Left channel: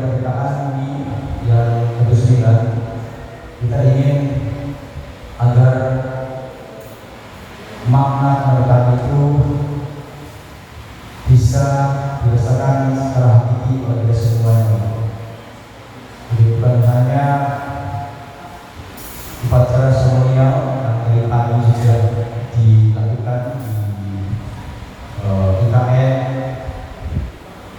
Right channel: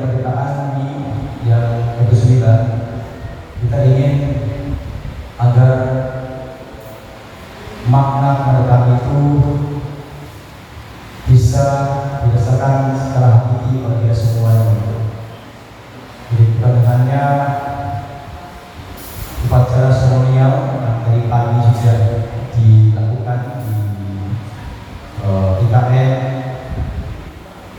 kemerdekaan ini yang ke-9, kita ingin agar makna kemerdekaan itu bisa dirasakan secara hakiki oleh kita semuanya. Jadi bukan hanya upacara seremonial yang dari pagi sudah dilakukan di IKN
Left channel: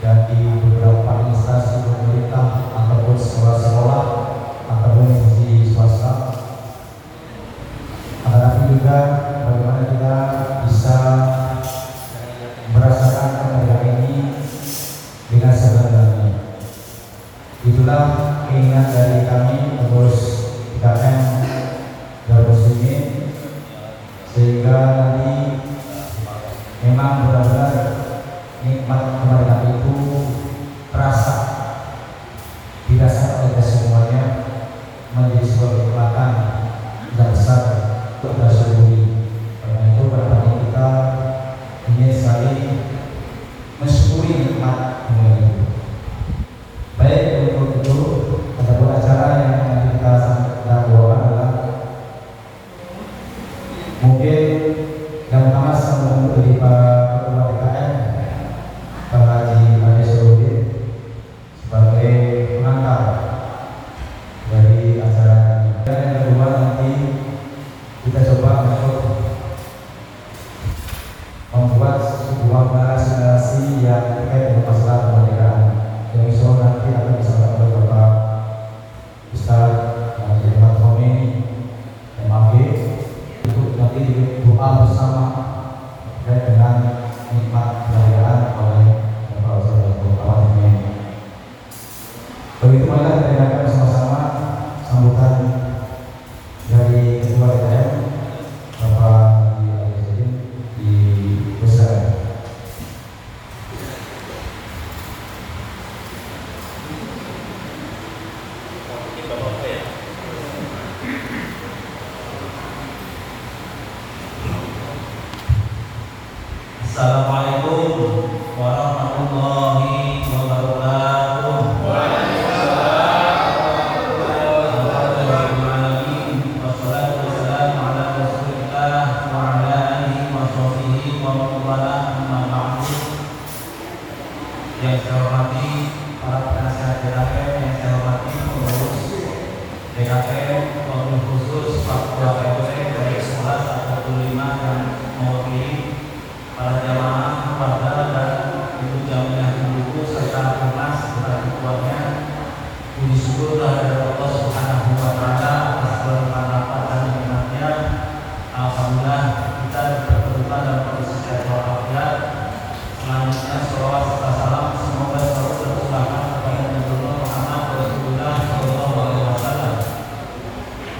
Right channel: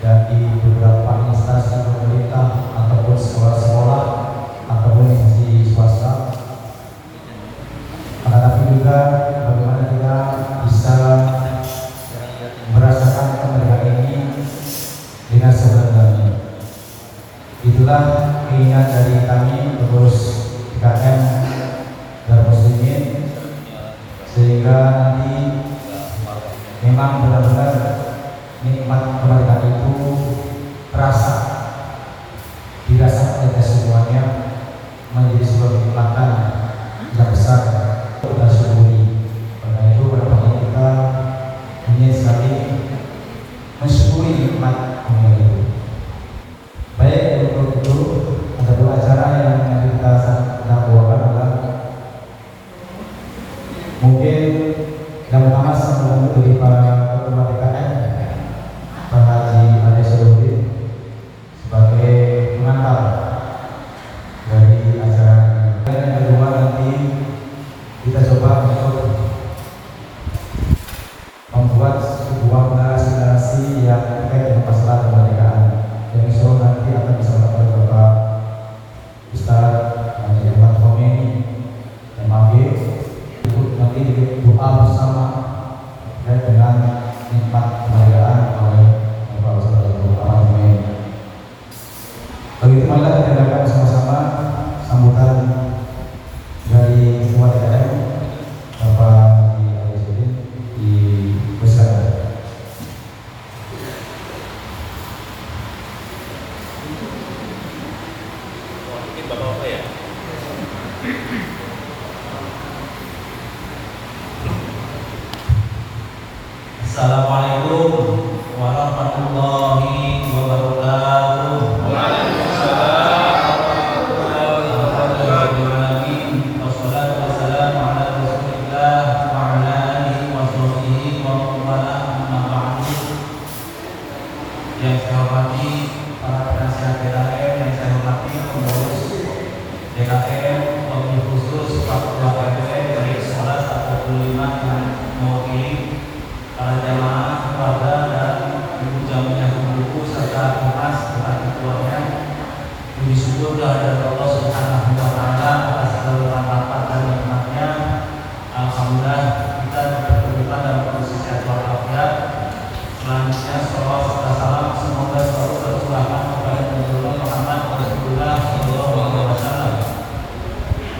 dan di beberapa instansi pemerintah ataupun sekolah-sekolah ataupun institusi swasta, tapi juga bagaimana kita bisa merasakan kemerdekaan ini dengan sebenarnya. Itulah keinginan dari kami pengurus IKN Darul Muslimin, sehingga nanti memang benar-benar nikmat kemerdekaan itu terasa, dirasakan oleh semuanya, menjadi sebuah kenikmatan yang besar untuk kita syukuri. Karena itu pada pagi kita ingin sekali mensyukuri nikmat kemerdekaan itu. Baik, untuk itu ada acara yang nanti kita dakwakan adalah mungkin yang pertama sebelum dari Pak Ketua DKM Pak Haji Ade Syahrudin sebagai pengantar dari acara ini. Dan yang kedua nanti kita coba untuk membuat sebuah narasi yang terkait dengan masalah kemerdekaan. Yang insya Allah nanti akan disampaikan oleh Bapak Ustaz Haji Ahmad Khomeini MAG. Itu nanti doa bersama terkait dengan nikmat kemerdekaan oleh Bapak Ustaz Ahmad Khomeini. Begitu marilah kita dengarkan bersama-sama sambutan dari Ketua DKM Bapak Haji Ade Syahrudin di Pusat. Assalamualaikum warahmatullahi wabarakatuh. Wassalatu wassalamu ala Rasulillah wa ala alihi wa sahbihi wa man wala, amma ba'du. Yang saya hormati para penasihat DKM, yang saya hormati pengurus DKM, pengurus khusus Pak Ketua KPM dari sekolah 45 yang mewakili para jamaah, keluarga dan ibu jamaah ibu serta humas serta ketuanya. Puji syukur kehadirat Allah Subhanahu wa taala atas segala rahmat dan nikmatnya. Alhamdulillah kita berkedudukan dalam kondisi sehat walafiat. Selanjutnya salawat serta salam semoga selalu tercurahkan kepada Nabi Muhammad Rasulullah sallallahu alaihi wasallam.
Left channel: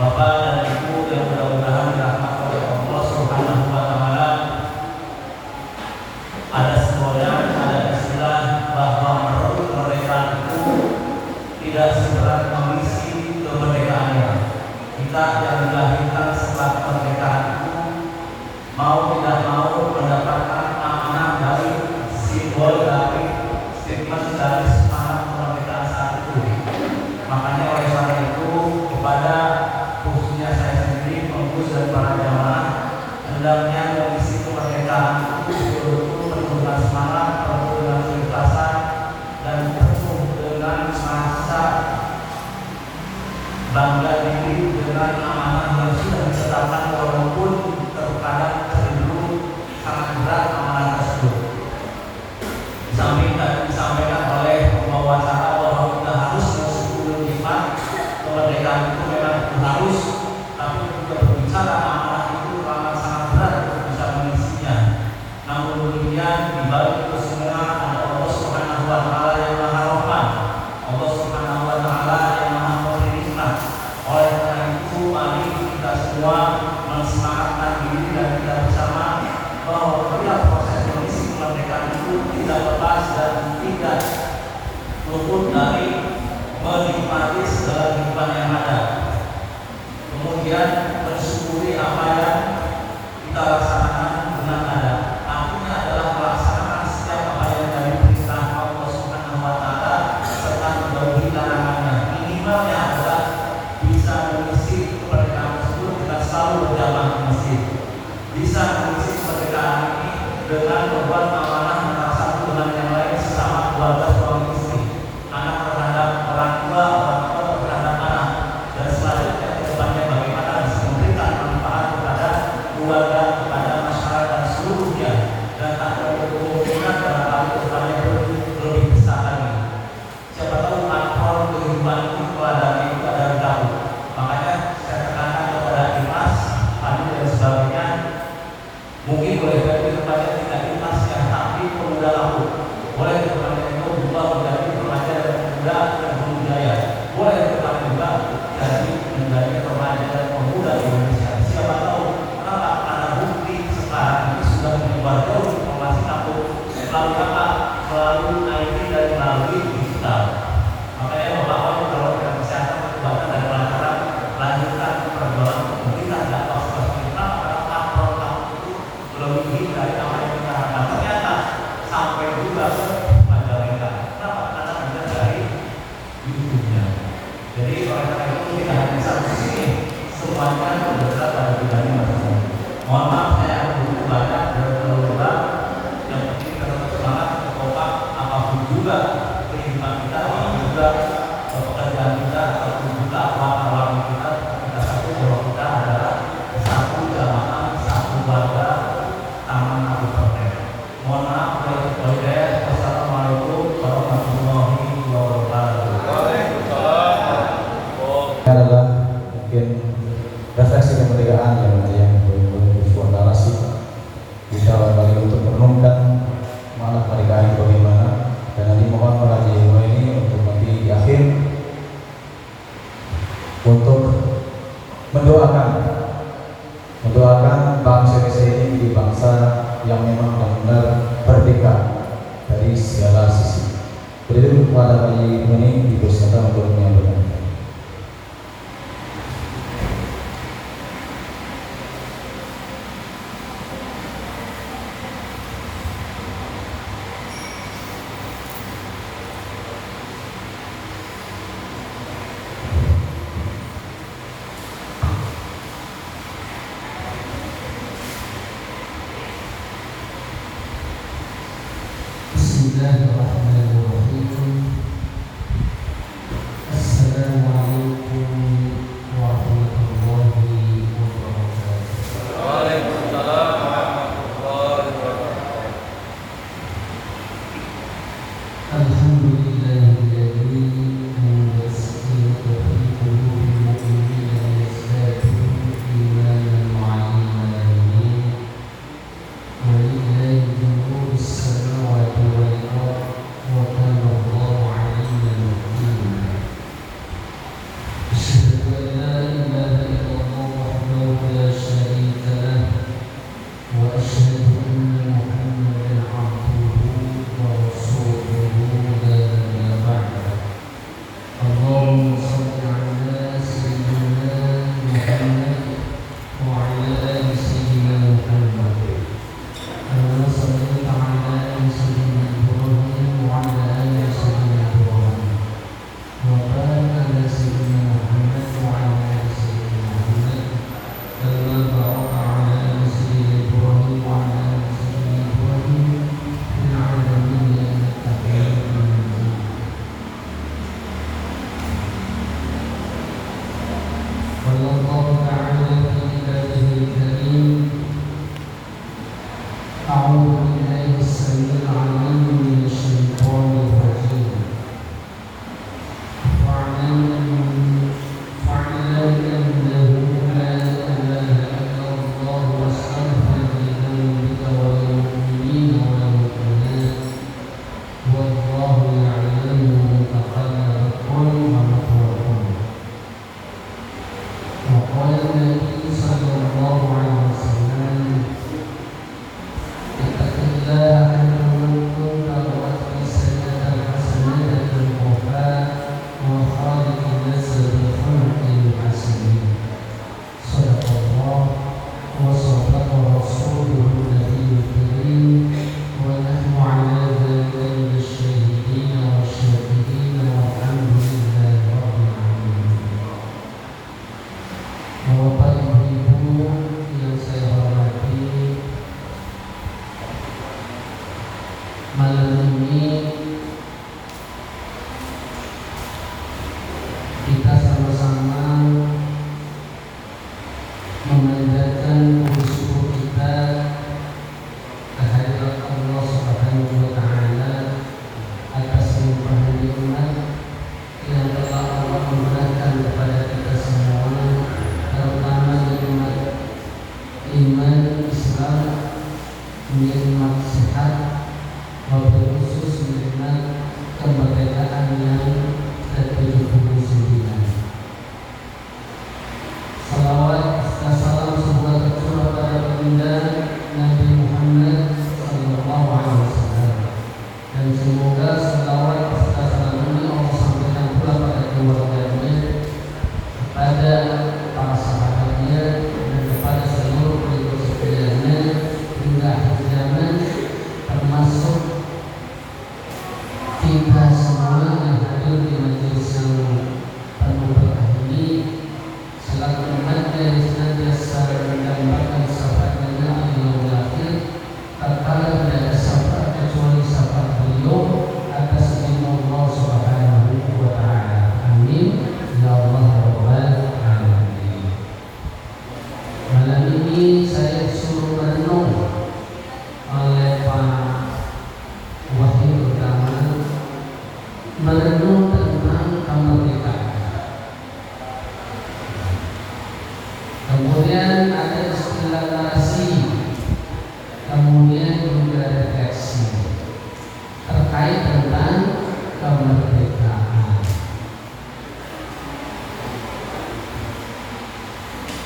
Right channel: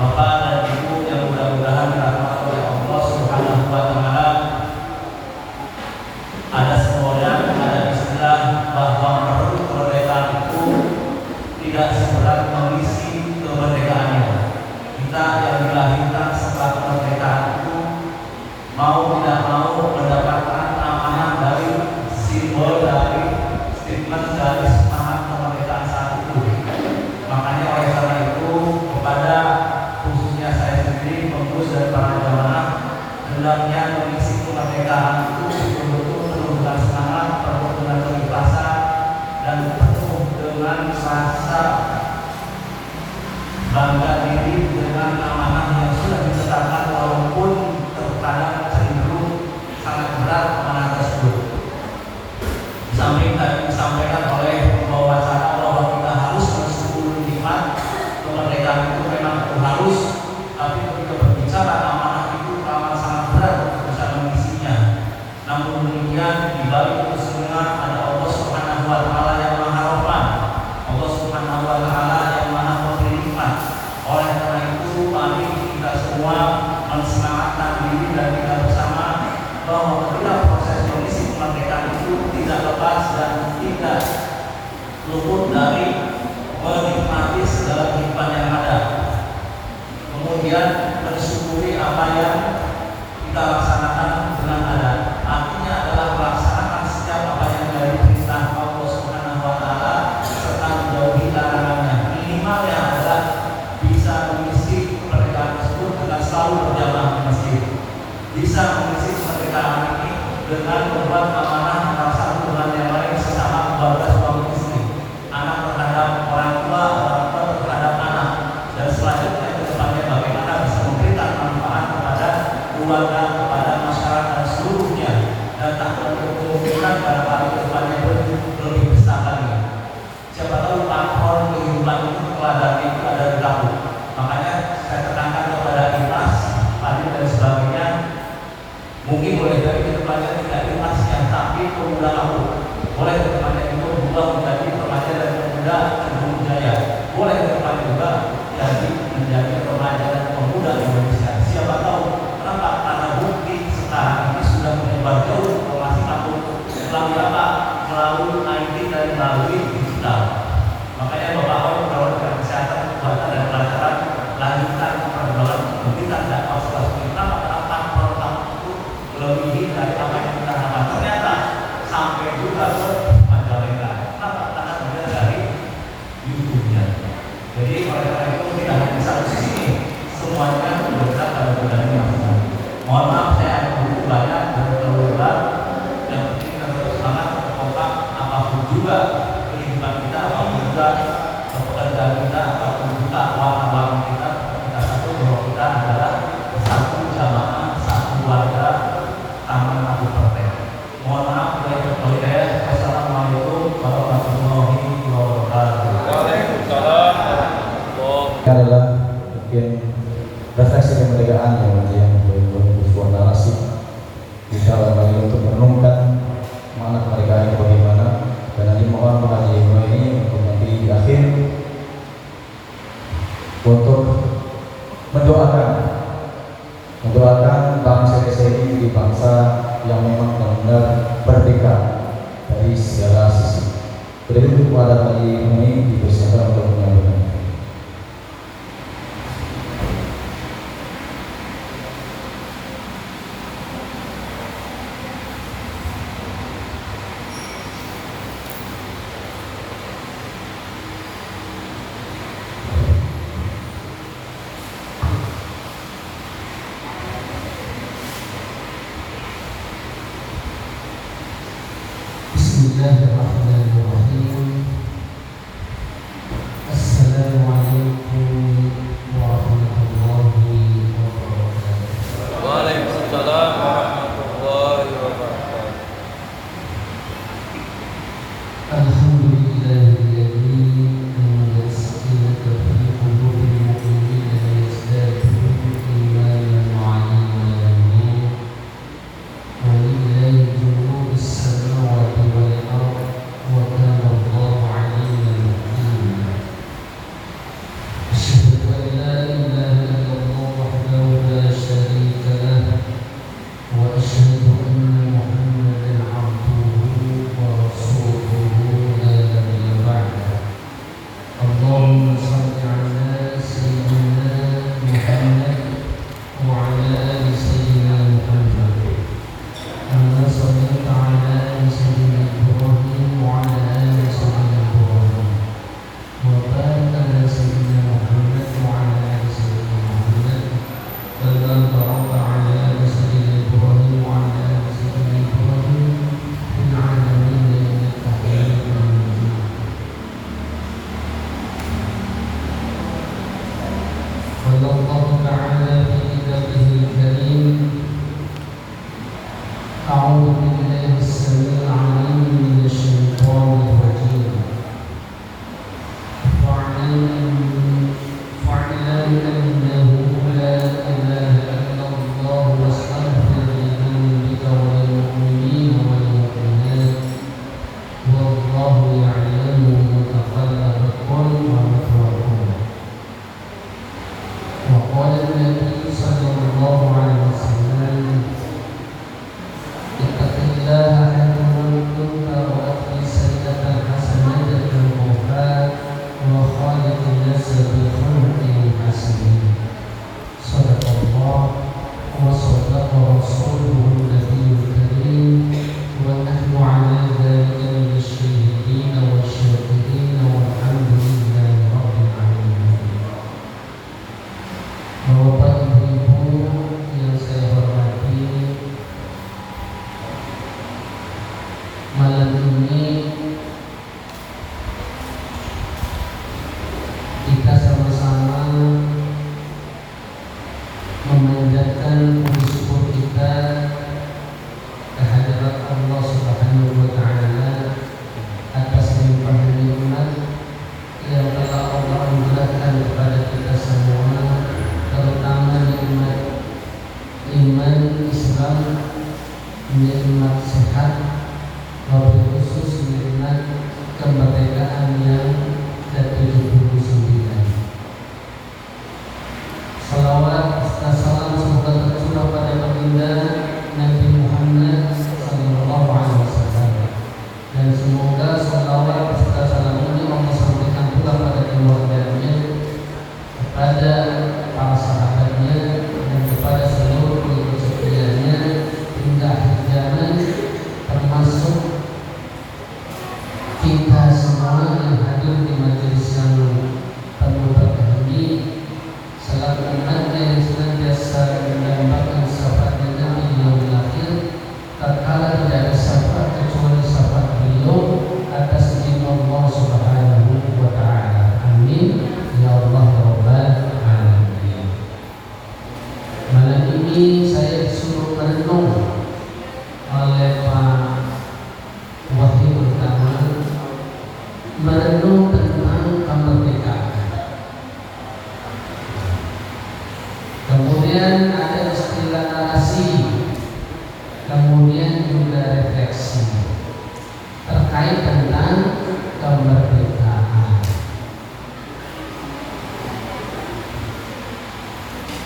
Bapak dan Ibu yang mudah-mudahan dirahmati oleh Allah Subhanahu wa taala, ada istilah bahwa merebut kemerdekaan itu tidak seberat mengisi kemerdekaannya. Kita yang dilahirkan setelah kemerdekaan itu mau tidak mau mendapatkan amanah dari simbol, dari statement, dari semangat kemerdekaan saat itu. Makanya oleh karena itu kepada khususnya saya sendiri, pengurus dan para jamaah, hendaknya mengisi kemerdekaan itu betul-betul menunjukkan semangat, penuh dengan keikhlasan dan penuh dengan rasa bangga diri dengan amanah yang sudah ditetapkan, walaupun terkadang cenderung sangat berat amanah tersebut. Samping tadi disampaikan oleh pembawa acara bahwa kita harus mensyukuri nikmat kemerdekaan itu memang harus, tapi ketika berbicara amanah itu amat sangat berat untuk bisa mengisinya. Namun demikian di balik itu semua ada Allah Subhanahu wa taala yang Maha Rahman, Allah Subhanahu wa taala yang Maha Pemberi nikmat. Oleh karena itu mari kita semua mensemangatkan diri dan kita bersama bahwa ketika proses mengisi kemerdekaan itu tidak lepas dan tidak luput dari menikmati segala nikmat yang ada. Kemudian mensyukuri apa yang kita laksanakan dengan ada. Artinya adalah melaksanakan setiap apa yang dari perintah Allah Subhanahu wa taala serta menjauhi Muda Kedung Jaya. Boleh kita juga jadi menjadi remaja dan pemuda Indonesia. Siapa tahu kenapa? Karena bukti sekarang ini sudah menyebar jauh informasi kampung melalui apa? Melalui IT dan melalui digital. Makanya Bapak Ibu kalau kesehatan kekuatan dan kelancaran lanjutkan perkembangan kita dan pas-pas kita karena tahap itu lebih dari apa yang kita harapkan. Ternyata sampai juga ke Majalengka. Kenapa? Karena kemudian dari YouTube-nya. Jadi oleh karena itu tidak hanya satu sisi, semuanya bergerak pada bidang masing-masing. Mohon maaf saya butuh banyak dari keluarga yang penting kita tetap semangat, kompak apapun juga kehidupan kita, apapun juga pekerjaan kita, apapun juga warna-warni kita satu bahwa kita adalah satu jamaah, satu warga Taman Kabupaten. Mohon maaf kalau saya. Wassalamualaikum warahmatullahi wabarakatuh. Adalah mungkin refleksi kemerdekaan yang bersuara asik kita kembali untuk merenungkan makna kemerdekaan itu bagaimana, dan nanti mohon Pak Haji ini untuk nanti di akhir untuk mendoakan bangsa Indonesia ini menjadi bangsa yang memang benar-benar merdeka dari segala sisi. Jadi kepada Pak Haji ini dipersilakan untuk menyampaikan. Bismillahirrahmanirrahim. Assalamualaikum warahmatullahi wabarakatuh. Waalaikumsalam warahmatullahi wabarakatuh. Alhamdulillahilladzi anzala as-sakinata fi qulubil mu'minina liyazdadu imanan ma'a imanihim. Walillahi junudus samawati wal ardh wa kana Allahu 'aliman hakima. Asyhadu an la ilaha illallah wahdahu la syarika lah wa asyhadu anna Muhammadan 'abduhu wa rasuluhu la nabiyya ba'dahu. Allahumma shalli 'ala sayyidina Muhammad wa 'ala ali sayyidina Muhammad. كما صليت على آل سيدنا إبراهيم وعلى آل سيدنا إبراهيم وبارك على سيدنا محمد وعلى آل سيدنا محمد كما باركت على آل سيدنا إبراهيم وعلى آل سيدنا إبراهيم في العالمين إنك حميد مجيد. قال الله تعالى في كتابه الكريم: أعوذ بالله السميع العليم من الشيطان الرجيم. فاعلم أنه لا إله إلا الله واستغفر لذنبك وللمؤمنين والمؤمنات والله يعلم متقلبكم ومثواكم. وقال النبي صلى الله عليه وسلم: اتق الله حيثما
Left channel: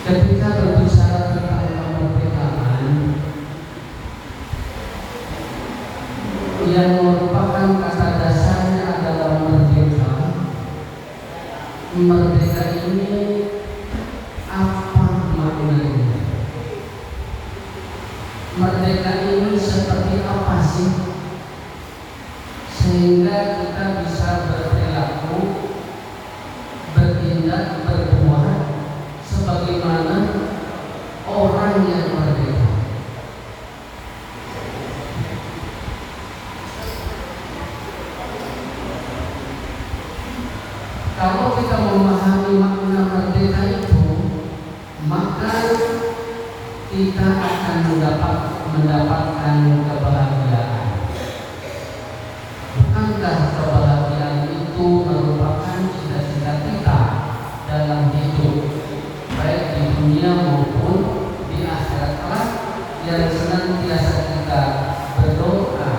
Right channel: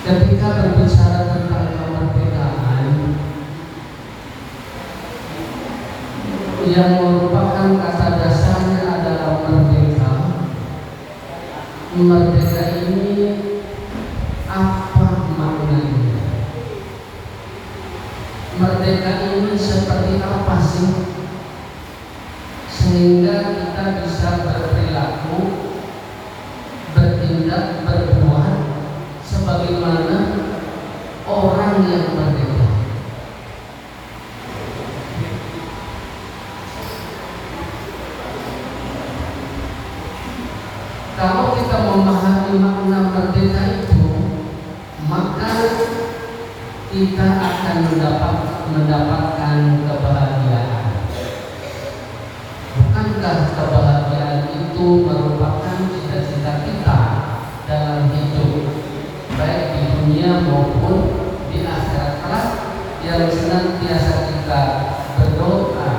ketika berbicara tentang kemerdekaan yang merupakan kata dasarnya adalah merdeka. Merdeka ini apa maknanya? Merdeka ini seperti apa sih? Sehingga kita bisa berperilaku, bertindak, berbuat sebagaimana orang yang merdeka. Kalau kita memahami makna merdeka itu, maka kita akan mendapatkan kebahagiaan. Bukankah kebahagiaan itu merupakan cita-cita kita dalam hidup, baik di dunia maupun di akhirat kelak, yang senantiasa kita berdoa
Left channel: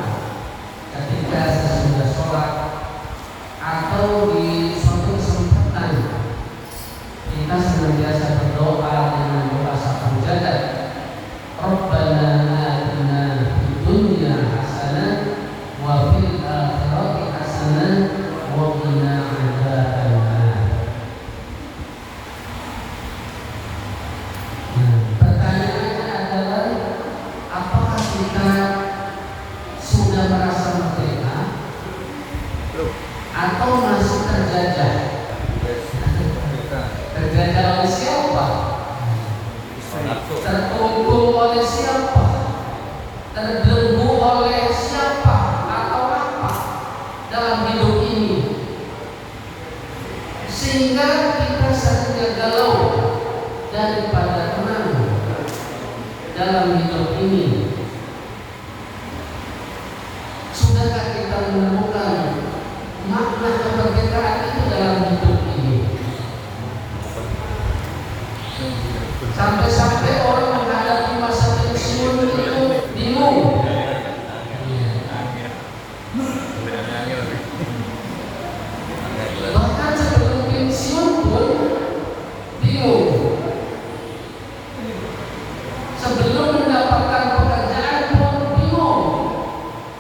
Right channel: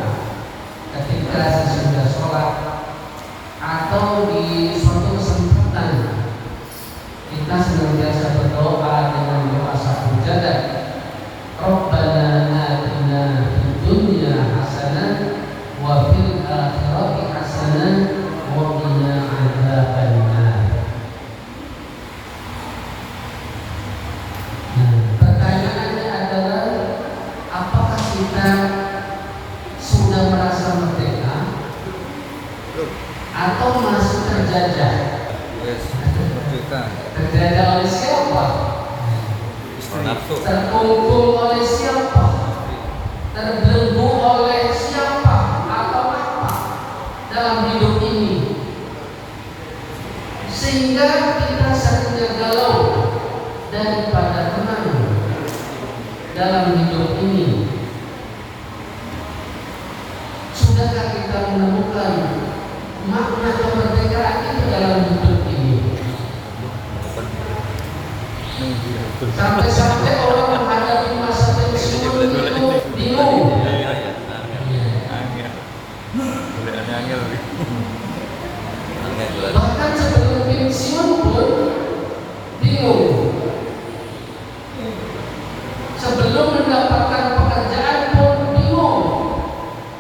ketika sesudah sholat atau di suatu kesempatan kita senantiasa berdoa dengan doa satu jagat. Rabbana atina fid dunya hasanah wa fil akhirati hasanah wa qina adzabannar. Pertanyaannya adalah, apakah kita sudah merasa merdeka atau masih terjajah? Terjajah oleh siapa? Terkungkung oleh siapa? Terbelenggu oleh siapa atau apa dalam hidup ini, sehingga kita seringnya galau daripada tenang dalam hidup ini. Sudahkah kita menemukan makna kemerdekaan itu dalam hidup ini? Sampai-sampai orang menghadapi masa pensiun itu bingung. Bahkan sebelum pensiun pun bingung. Sebelum mendapatkan pekerjaan pun bingung.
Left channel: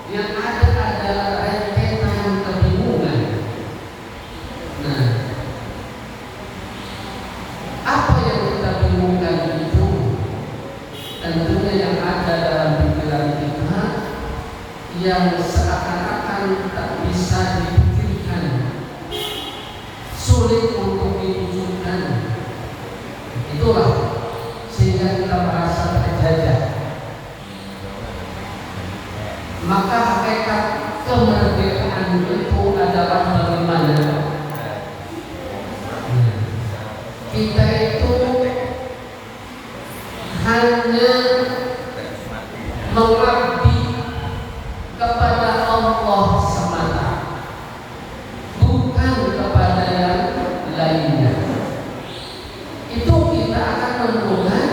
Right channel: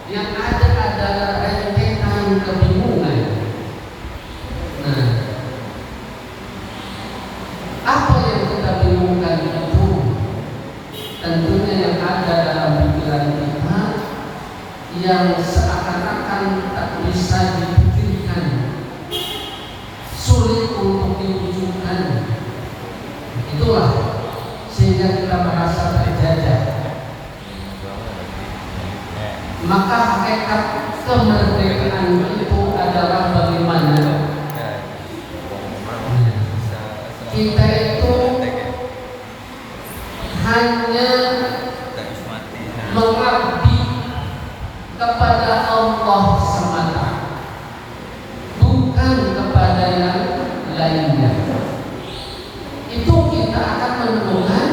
Yang ada adalah rentetan kebingungan. Nah, apa yang kita bingungkan itu? Tentunya yang ada dalam pikiran kita, yang seakan-akan tak bisa dipikirkan, sulit untuk diwujudkan. Itulah sehingga kita merasa terjajah. Maka hakikat kemerdekaan itu adalah bagaimana kita itu hanya mengabdi kepada Allah semata, bukan kepada yang lainnya. Itu kita akan menemukan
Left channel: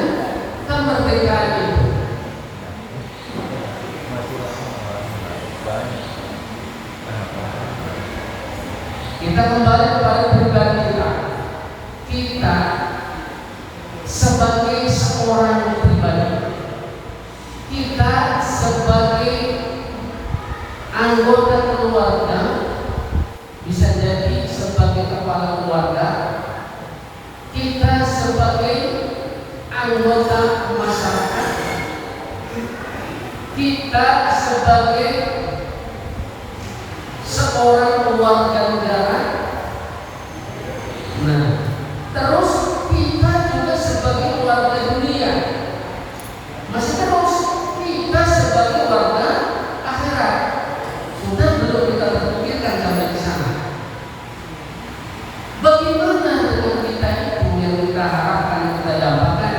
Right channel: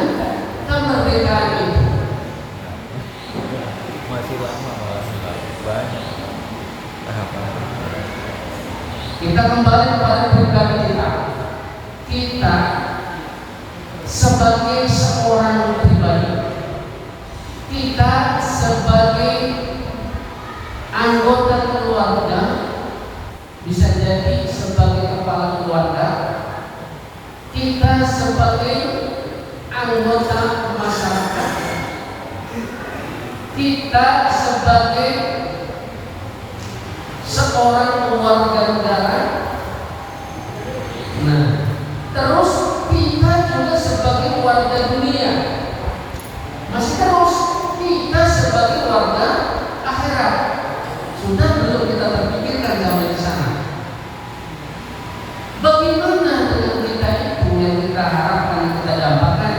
kemerdekaan itu. Kita kembali kepada pribadi kita. Kita sebagai seorang pribadi, kita sebagai anggota keluarga, bisa jadi sebagai kepala keluarga, kita sebagai anggota masyarakat, kita sebagai seorang warga negara. Nah, terus kita juga sebagai warga dunia. Masih terus kita sebagai warga akhirat. Sudah belum kita terpikirkan sampai ke sana. Bagaimana dengan kita itu yang kita harapkan, kita dambakan?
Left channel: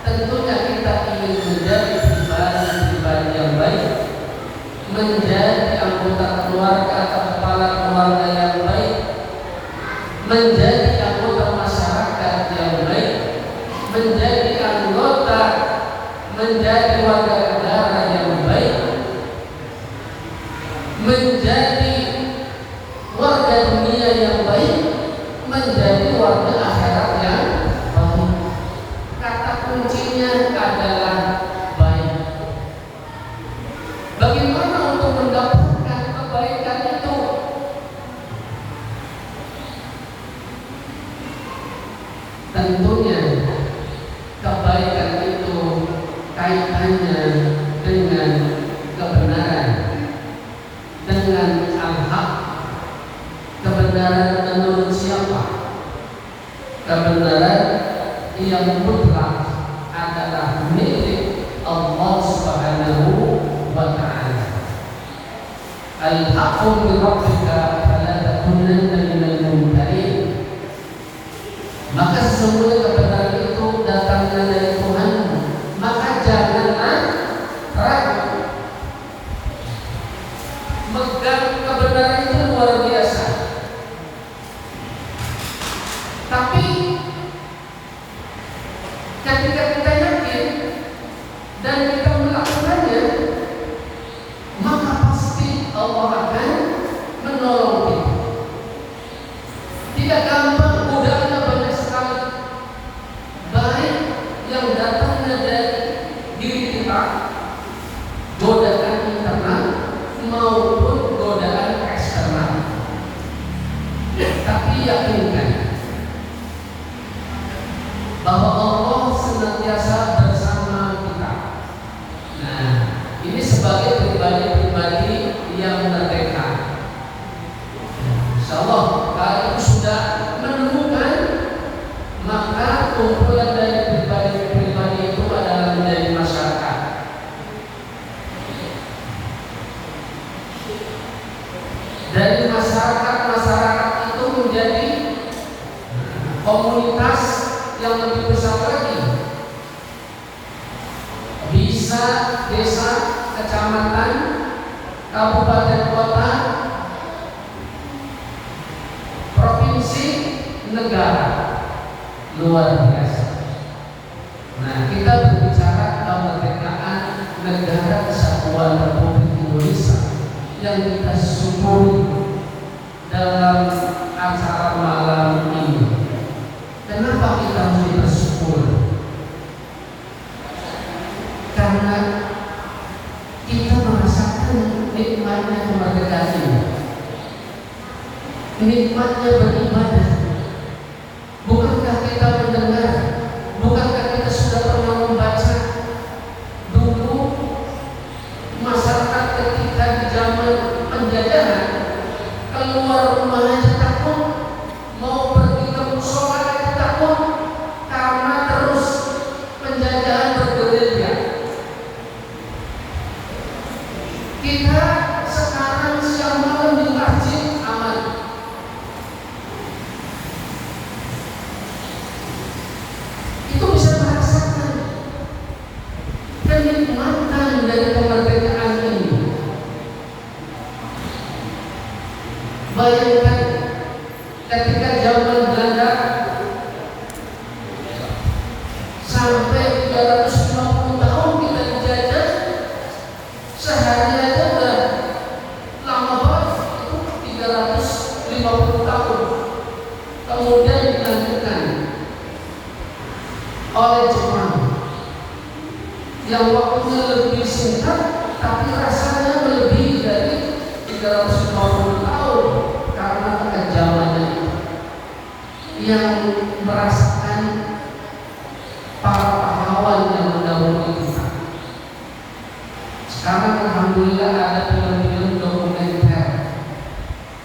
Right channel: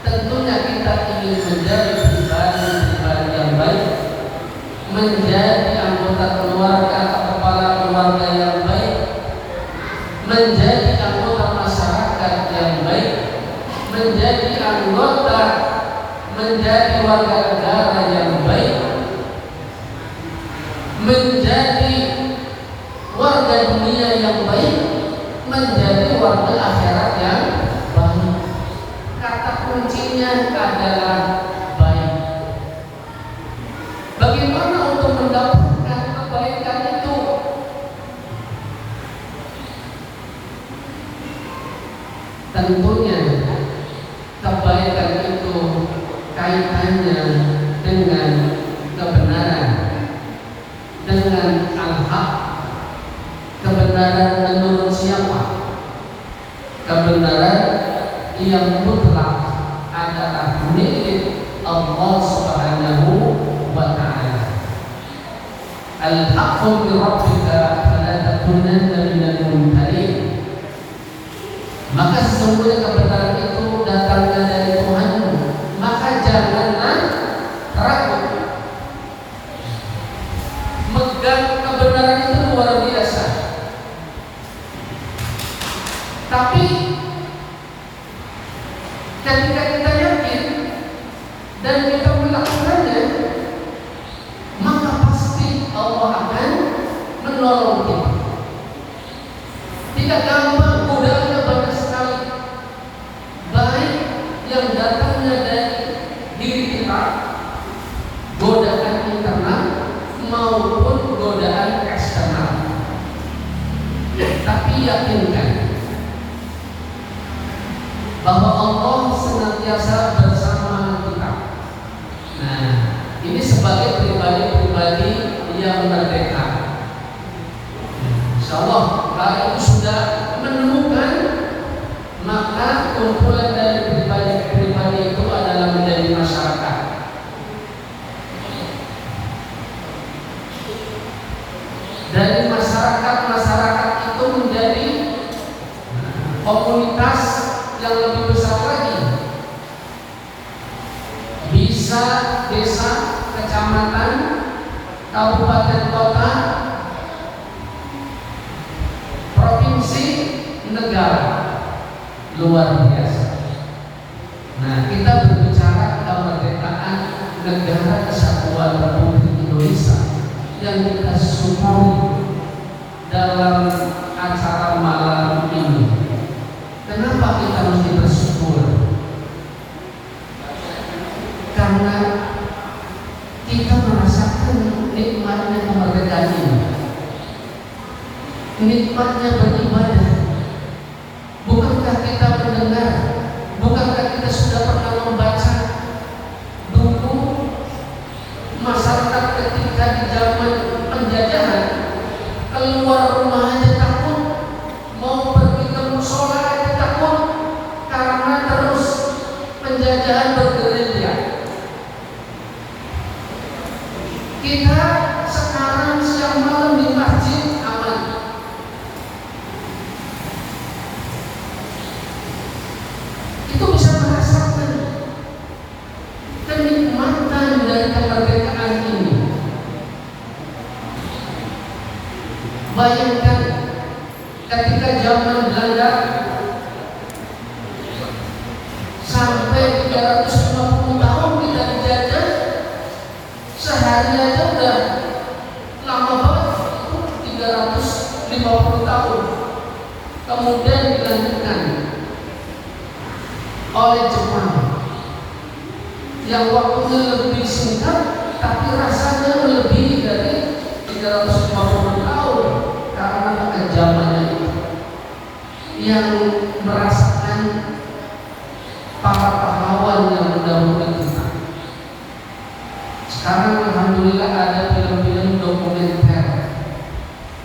Tentunya kita ingin menjadi pribadi yang baik, menjadi anggota keluarga atau kepala keluarga yang baik, menjadi anggota masyarakat yang baik, menjadi warga negara yang baik, menjadi warga dunia yang baik, menjadi warga akhirat yang baik. tentunya kebaikan itu kaitannya dengan kebenaran, dengan al-haq. Kebenaran menurut siapa? Kebenaran yang mutlak adalah milik Allah Subhanahu wa ta'ala. Al-haqqu min rabbika fala takunanna minal mumtarin. Maka sesungguhnya kebenaran itu datangnya dari Tuhanmu, maka janganlah ragu. Megang kebenaran itu luar biasa. Tapi ketika kita yakin dan kita melakukannya, maka pasti Allah akan menolong kita. Tidak gampang, godaannya banyak sekali, baik yang datangnya dari diri kita, godaan internal maupun godaan eksternal. Tapi yakinkan bahwa Allah senantiasa bersama kita. Nah, ini sebagai pribadi-pribadi yang merdeka. Insyaallah kalau itu sudah menemukan, maka kumpulan dari pribadi-pribadi itu adalah menjadi masyarakat. Dari masyarakat itu menjadi komunitas yang lebih besar lagi. Bisa desa, kecamatan, kabupaten kota, provinsi, negara. Luar biasa. Nah, kita berbicara kemerdekaan negara kesatuan Republik Indonesia yang kita syukuri dalam acara malam ini. Kenapa kita mesti bersyukur? Karena kita merasakan nikmatnya kemerdekaan ini, nikmatnya beribadah. Bukankah kita mendengar? Bukankah kita sudah pernah membaca dulu masyarakat ketika di zaman penjajahan keluar rumah aja takut, mau pergi ke musola aja takut karena terus penjajahan bergerilya. Kita sekarang siang malam di masjid aman. Itu bisa merasakan kenikmatan dari kemerdekaan ini. Bayangkan ketika zaman Belanda sampai 350 tahun kita dijajah, sehari aja udah lama banget, itu 350 tahun. Kemudian dilanjutkan oleh Jepang yang waktunya lebih singkat, tapi rasanya lebih dari 350 tahun karena kekejamannya yang merasakan para pahlawan yang mendahului kita. Sekarang alhamdulillah ada film-film dokumenter,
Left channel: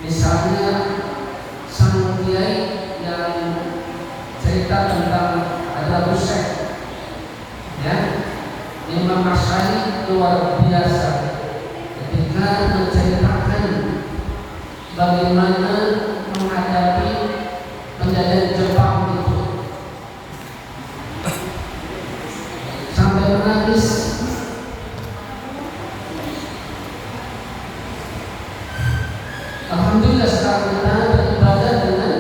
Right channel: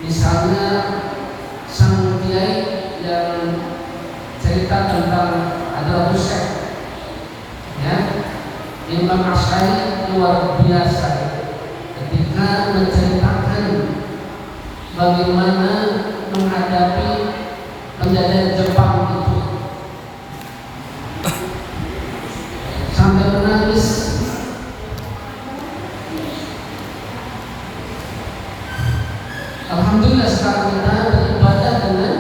misalnya sang kiai yang cerita tentang Hadratus Syekh, ya, Imam Asy'ari, luar biasa ketika menceritakan bagaimana menghadapi penjajahan Jepang itu, sampai menangis. Alhamdulillah sekarang kita beribadah dengan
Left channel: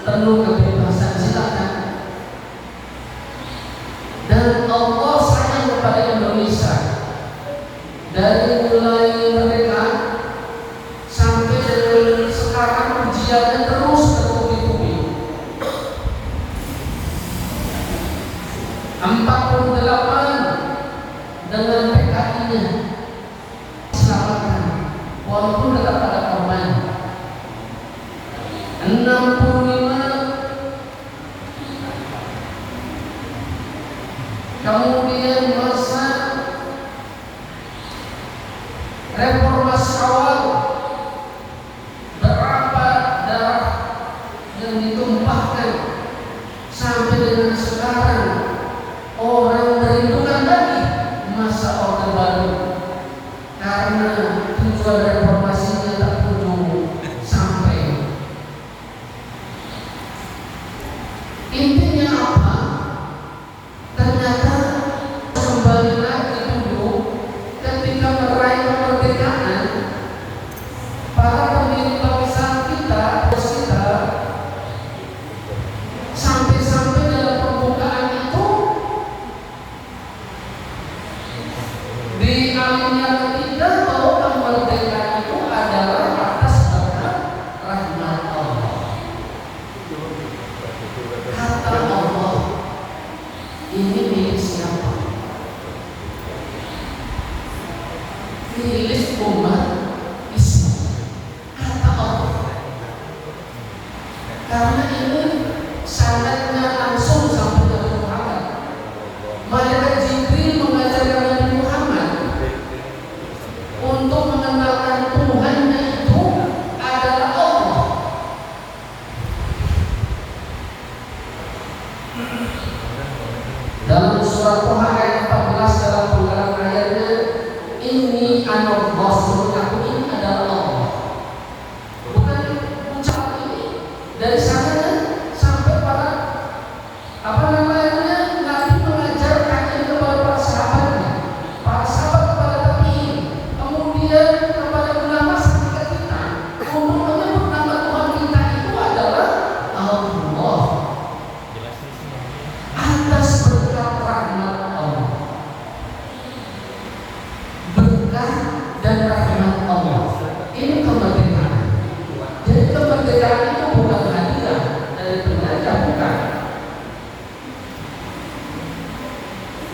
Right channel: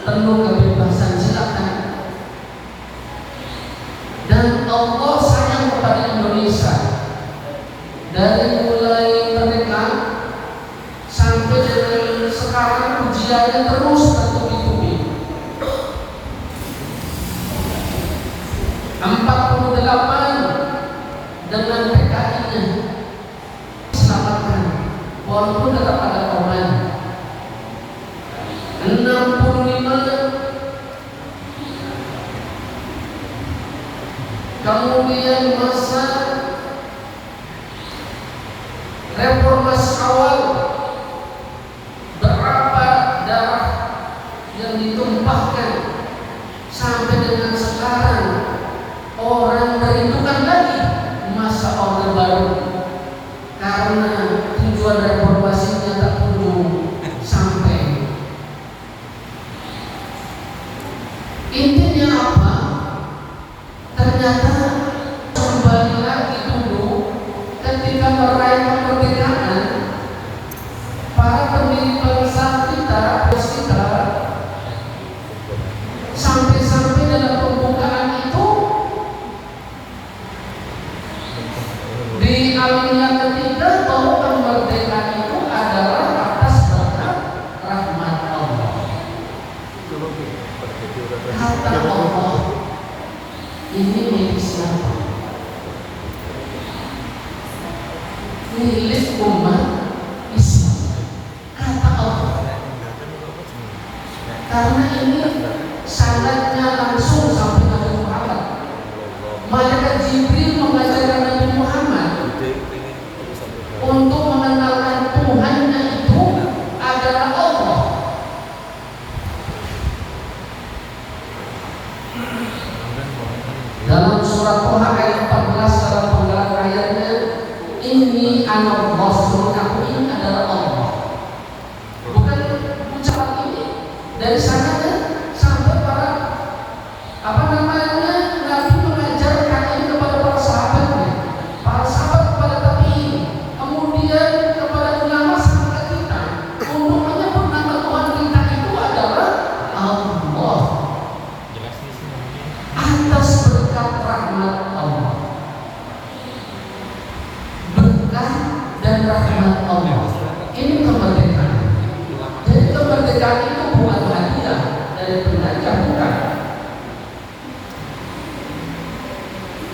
penuh kebebasan, silakan. Dan Allah sayang kepada Indonesia dari mulai merdeka sampai dengan sekarang, ujiannya terus bertubi-tubi. 48 dengan PKI-nya selamatkan, walaupun tetap ada korban. 65 kemudian masa reformasi awal, berapa darah yang ditumpahkan sampai dengan sekarang orang merindukan lagi masa Orde Baru karena tujuan reformasinya tak kunjung sampai. Intinya apa? Ternyata kembali lagi dulu ketika meraih kemerdekaan, para pendiri bangsa kita sampai-sampai dalam pembukaan itu di alinea ketiga bahwa kemerdekaan itu adalah atas berkat rahmat Allah. Kata Allah, ini milik siapa? Milik umat Islam. Kata Allah. Karena ini sandatnya langsung sampai Nabi Muhammad. Malaikat Jibril mengajarkan Nabi Muhammad untuk mengenalkan Tuhannya itu adalah Allah. Dalam surat Toha ayat 14 dalam penggalan ayatnya, ini anak Rasul, aku ini adalah Allah. Bukan ucapan ini dari sana sampai para Nabi mengajarkan ini kepada para sahabatnya, para sahabat kepada tabi'in, kemudian kepada ulama sampai ke kita untuk menyebut nama Tuhan kita itu adalah Allah. Atas berkat rahmat Allah, berkat dan rahmat Allah, ini kemerdekaan. Jadi kemerdekaan itu bukan hadiah dari penjajah, bukan.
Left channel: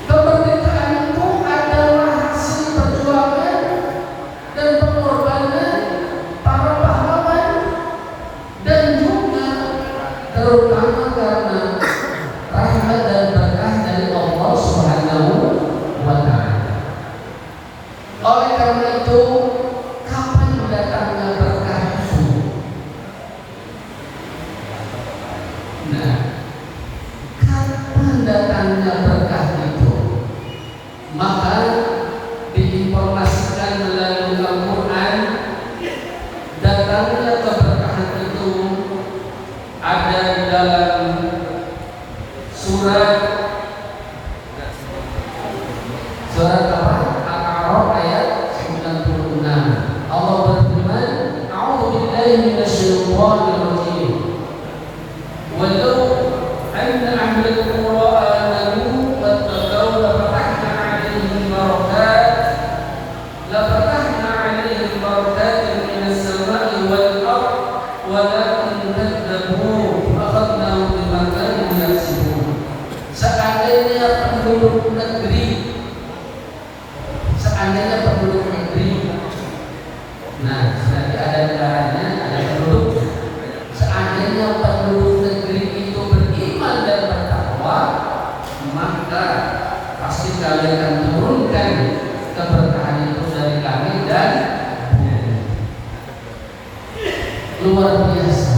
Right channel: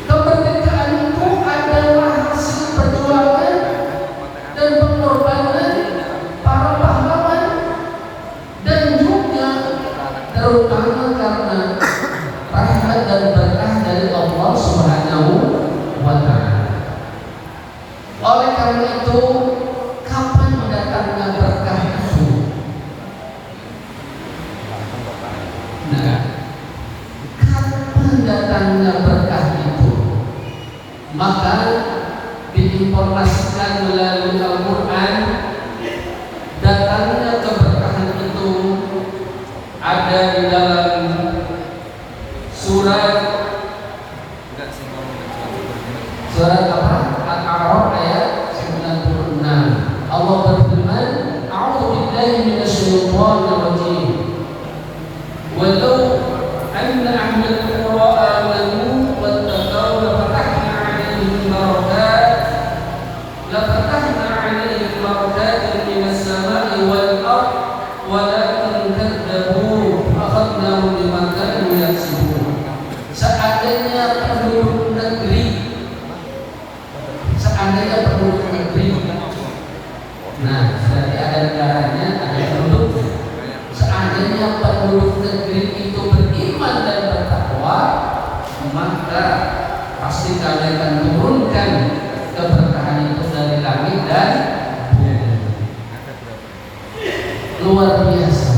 Kemerdekaan itu adalah hasil perjuangan dan pengorbanan para pahlawan dan juga terutama karena rahmat dan berkah dari Allah Subhanahu wa Ta'ala. Oleh karena itu, kapan datangnya berkah itu? Nah, kapan datangnya berkah itu? Maka diinformasikan melalui Al-Quran, datangnya keberkahan itu ada di dalam surat apa? Al-A'raf ayat 96. Allah berfirman, "A'udzu billahi minasyaitonir rajim. Walau anna ahlal qura amanu wattaqaw lafatahna 'alaihim barakatin minas sama'i wal ardh walakin kadzdzabu fa'akhadnahum bima kanu yaksibun." Seandainya penduduk negeri, nah berarti ada negaranya, ada penduduknya. Seandainya penduduk negeri itu beriman dan bertakwa, maka pasti kalian akan turunkan keberkahan itu dari langit dan bumi. Luar biasa.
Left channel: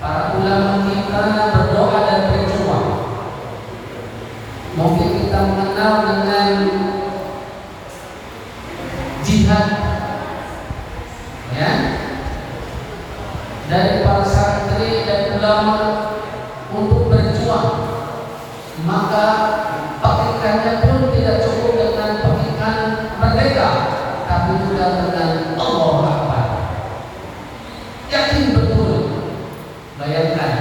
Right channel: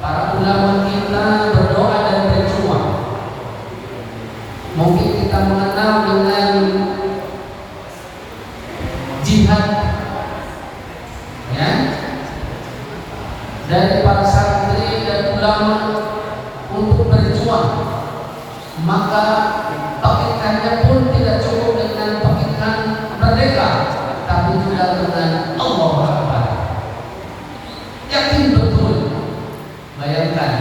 Para ulama kita berdoa dan berjuang. Mungkin kita mengenal dengan jihad, ya, dari para santri dan ulama untuk berjuang. Maka pekikannya pun tidak cukup dengan pekikan merdeka, tapi juga dengan Allah Akbar. Yakin betul. Bayangkan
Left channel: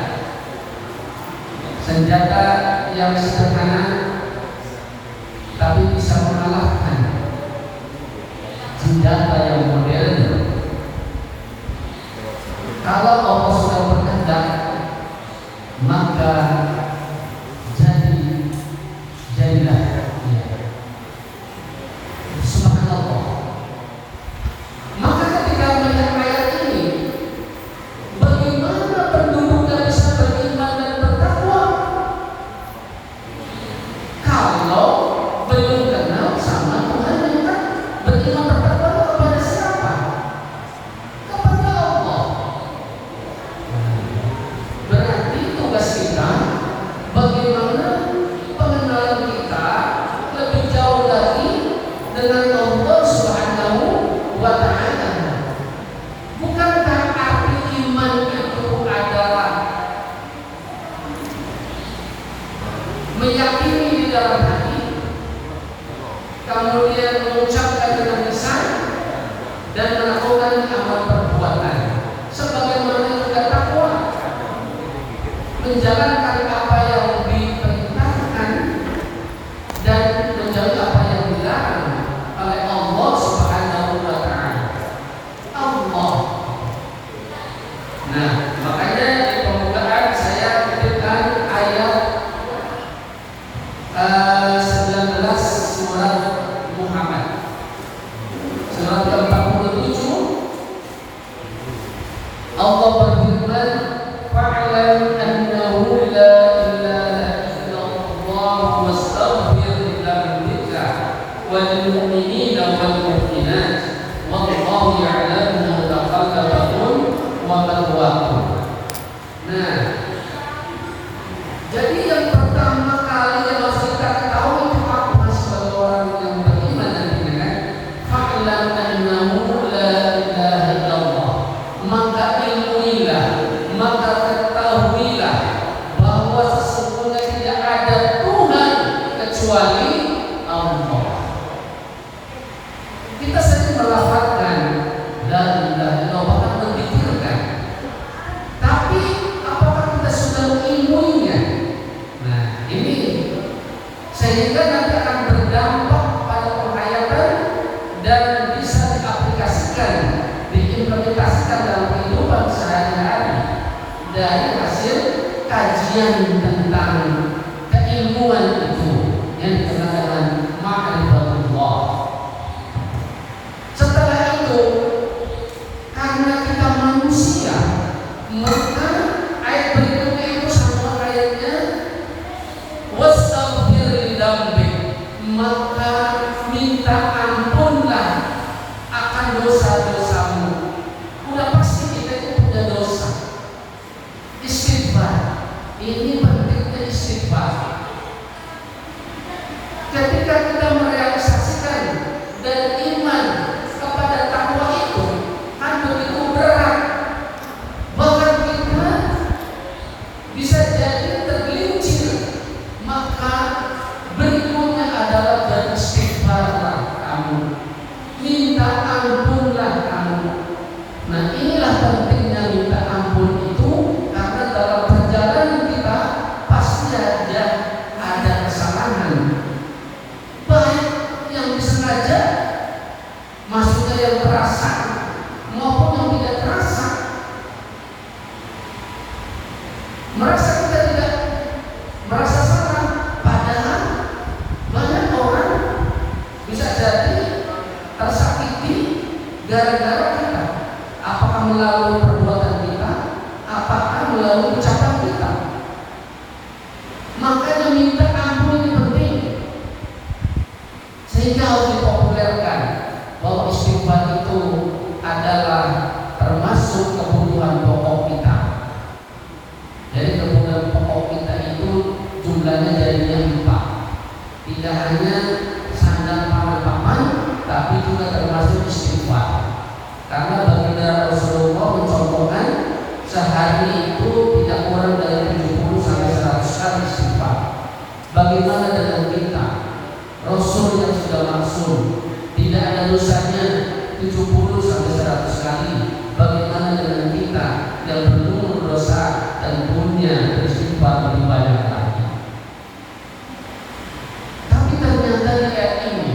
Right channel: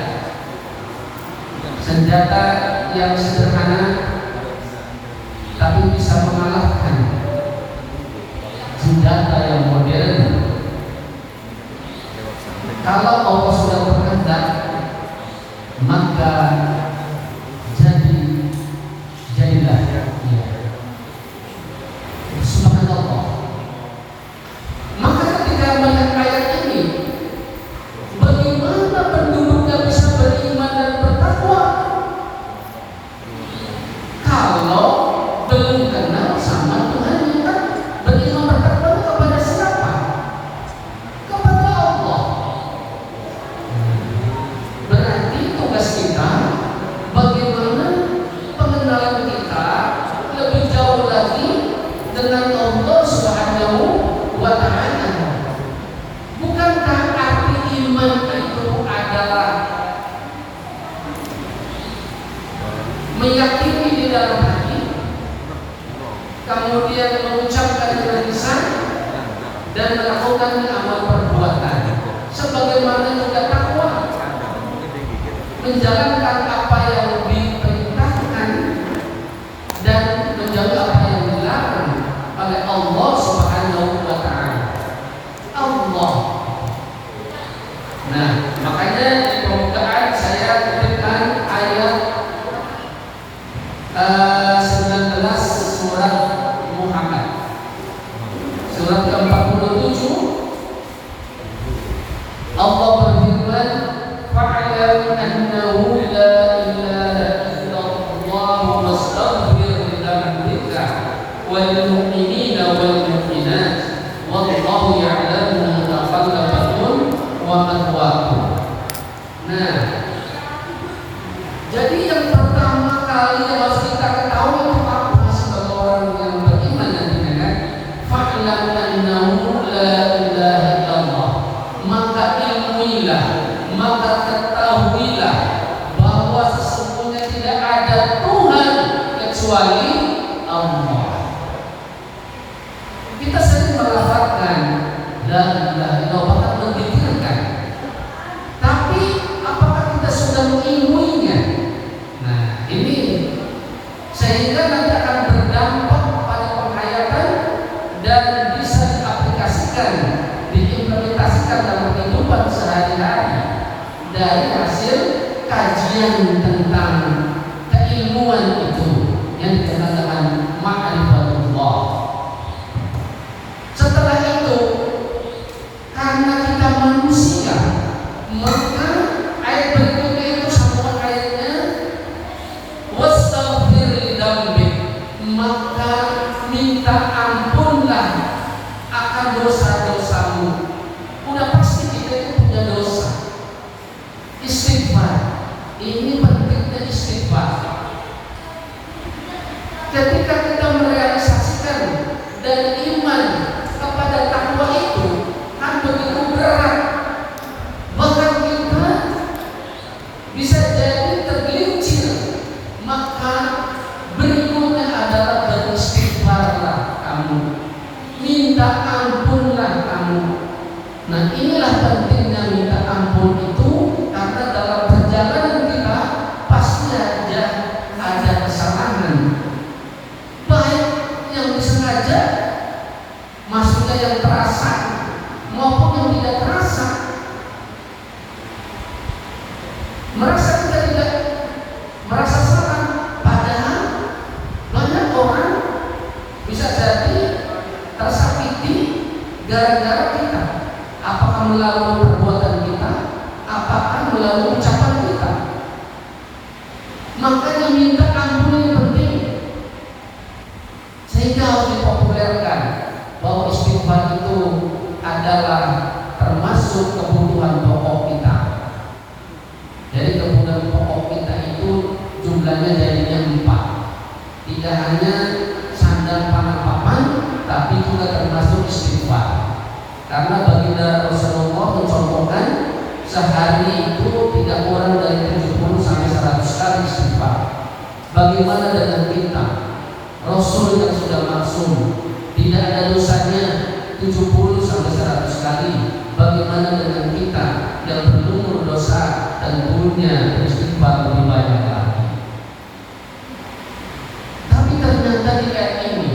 senjata yang sederhana tapi bisa mengalahkan senjata yang modern. Kalau Allah sudah berkehendak, maka jadilah. Ya. Subhanallah. Maka ketika melihat ayat ini, bagaimana penduduk yang bisa beriman dan bertakwa? menjalankan apa yang diperintahkan dan menjauhi apa yang dilarang oleh Allah Subhanahu wa taala. Allah. Nah, makanya di pembukaan saya kutipkan ayat 19 surat Muhammad. Surat ke-47 Allah berfirman, fa'lam annahu la ilaha illallah wastaghfir li dzambika wal mu'minina wal mu'minat wallahu ya'lamu mutaqallabakum wa mathwaakum. Nah, jadi yang pertama kali yang harus kita ketahui itu apa sebagai orang yang beriman dan beriman, fa'lam annahu la ilaha illallah, maka ilmuilah, maka ketahuilah bahwa sesungguhnya tidak ada Tuhan kecuali Allah. Kita sering melafazkan la ilaha illallah, bahkan mendikirkan, tapi apakah kita sudah mengilmuinya? Nah, ini sehingga nanti akan berdampak pada penghayatan dan bisa diaplikasikan, diimplementasikan dalam kehidupan sehari-hari dari hasil kajian tentang keilmuan itu yang dikenal dengan ma'rifatullah. Setelah itu, karena kita manusia, maka ayat berikutnya itu sama ayatnya, wastaghfir li dzambik, maka minta ampunlah akan dosa-dosamu. Udah pasti kita itu punya dosa. Istighfar, ini pentingnya istighfar. Ketika kita merealisasikan dan iman kepada takwa itu kan begitu berat, bahkan kita bisa jadi tergelincir. Maka berikutnya adalah beristighfarlah kamu, minta ampunlah kamu. Nah, inilah pentingnya minta ampun itu, karena dalam perjalanan kita pasti ada kesalahan, baik yang disengaja, maksudnya yang terasa, maupun yang tidak terasa. Merasa kita tidak merasa salah, padahal banyak orang bisa jadi tersakiti gara-gara kita. Apakah melalui perbuatan kita, apakah melalui ucapan kita. Makanya minta ampun ini penting, sehingga harus dipopulerkan bahwa istighfar itu adalah termasuk kebutuhan pokok kita. Jadi kebutuhan pokok kita itu jumlahnya jadinya 4. Tidak hanya sandang pangan papan, tapi juga termasuk istighfar. Karena baginda Rasulullah mencontohkan sehari itu tidak kurang dari 70 sampai 100 kali istighfar. Bagaimana dengan kita? Rasul yang sudah maksum, tidak ada dosanya 70 sampai 100 kali. Bagaimana dengan kita yang belum berdosa dan punya istighfar lebih banyak lagi? Tapi ternyata di ayat ini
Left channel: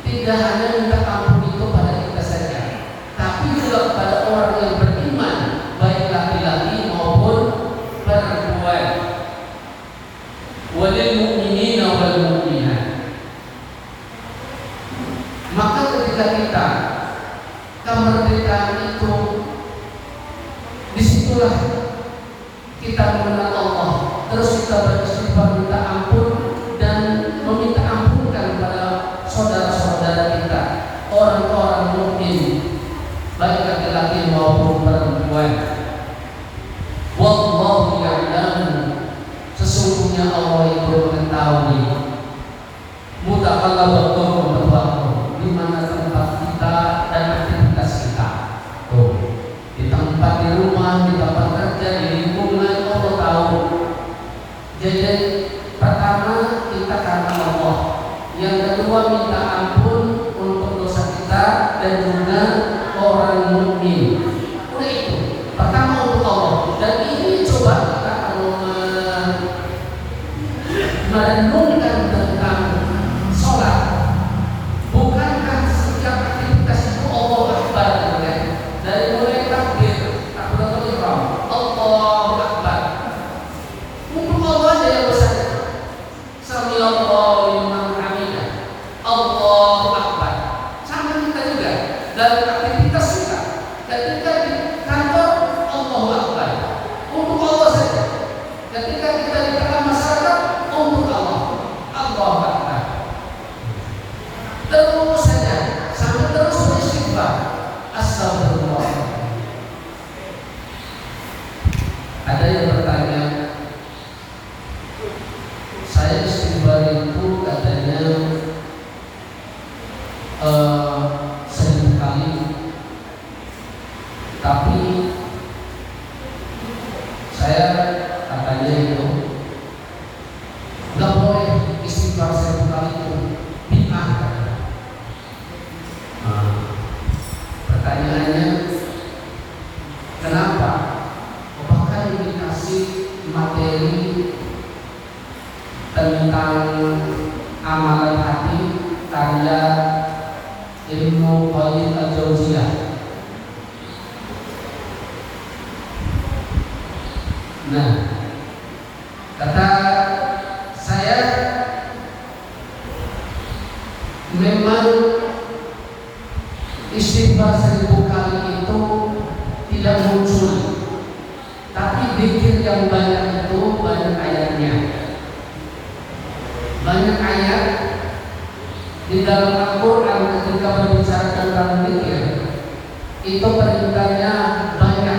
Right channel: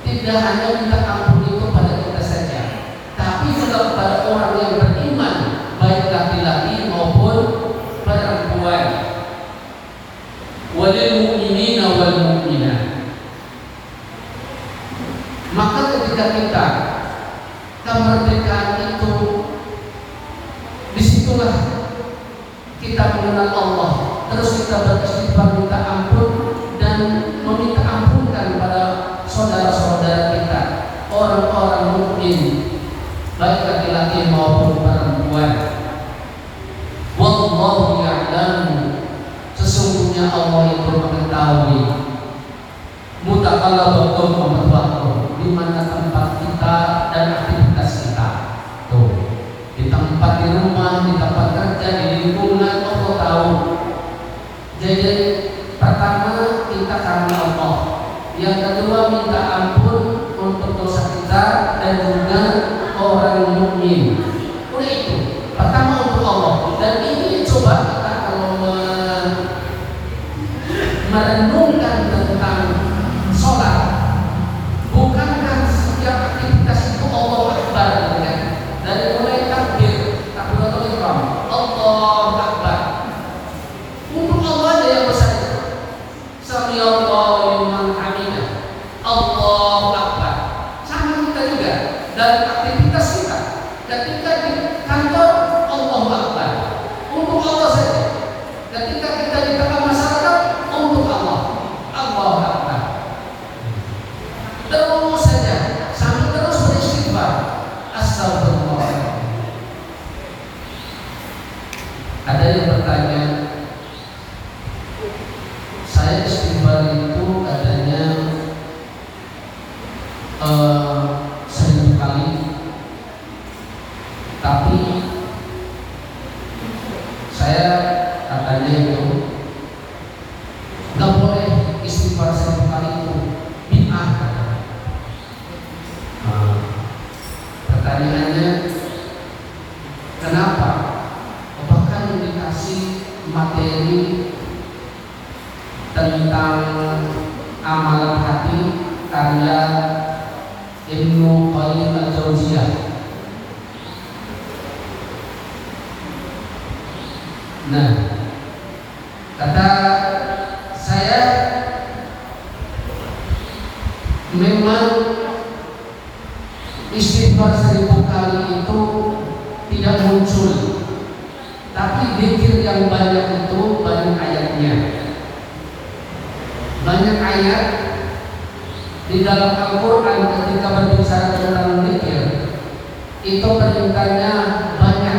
tidak hanya minta ampun itu pada kita saja, tapi juga kepada orang yang beriman, baik laki-laki maupun perempuan. Walil mu'minina wal mu'minat. Maka ketika kita kemerdekaan itu, disitulah kita mengenal Allah, terus kita beristighfar, minta ampun dan meminta ampunkan pada saudara-saudara kita, orang-orang mukmin, baik laki-laki maupun perempuan. Wallahu ya'lamu, sesungguhnya Allah itu mengetahui mutaqallabakum wa mathwaakum, di mana tempat kita dan aktivitas kita. Tuh, di tempat di rumah, di tempat kerja, di lingkungan, Allah tahu. Jadi pertama kita karena Allah, yang kedua minta ampun untuk dosa kita dan juga orang mukmin. Udah itu pertama untuk Allah, dan ini coba kita kalau merenungkan tentang sholat. Bukankah setiap aktivitas itu Allahu Akbar, kan? Dari mulai takbiratul ihram, Allahu Akbar. Untuk Allah aja yang besar. Sami Allahu liman hamidah, Allahu Akbar. Sama kita juga dalam aktivitas kita. Ketika di kantor, Allahu Akbar. Untuk Allah saja. Ketika kita di tengah masyarakat, untuk Allah, Allahu Akbar. Terus saja, sampai terus beristighfar, astagfirullah. Ada yang bertanya, saya istighfar itu katanya 1000 kali, tapi saya katanya itu nggak boleh istighfar 1000 kali itu bid'ah. Pertanyaannya, kenapa? Bahkan dikasih materi tentang amalan hati karya Ibnu Qayyim al-Jauziyah. Nah, kata saya, memang istighfar 1000 kali itu tidak muncul, tapi zikir yang banyak itu banyak ayatnya. Banyak ayat di dalam Al-Quran ketika berbicara tentang zikir itu perintahnya banyak,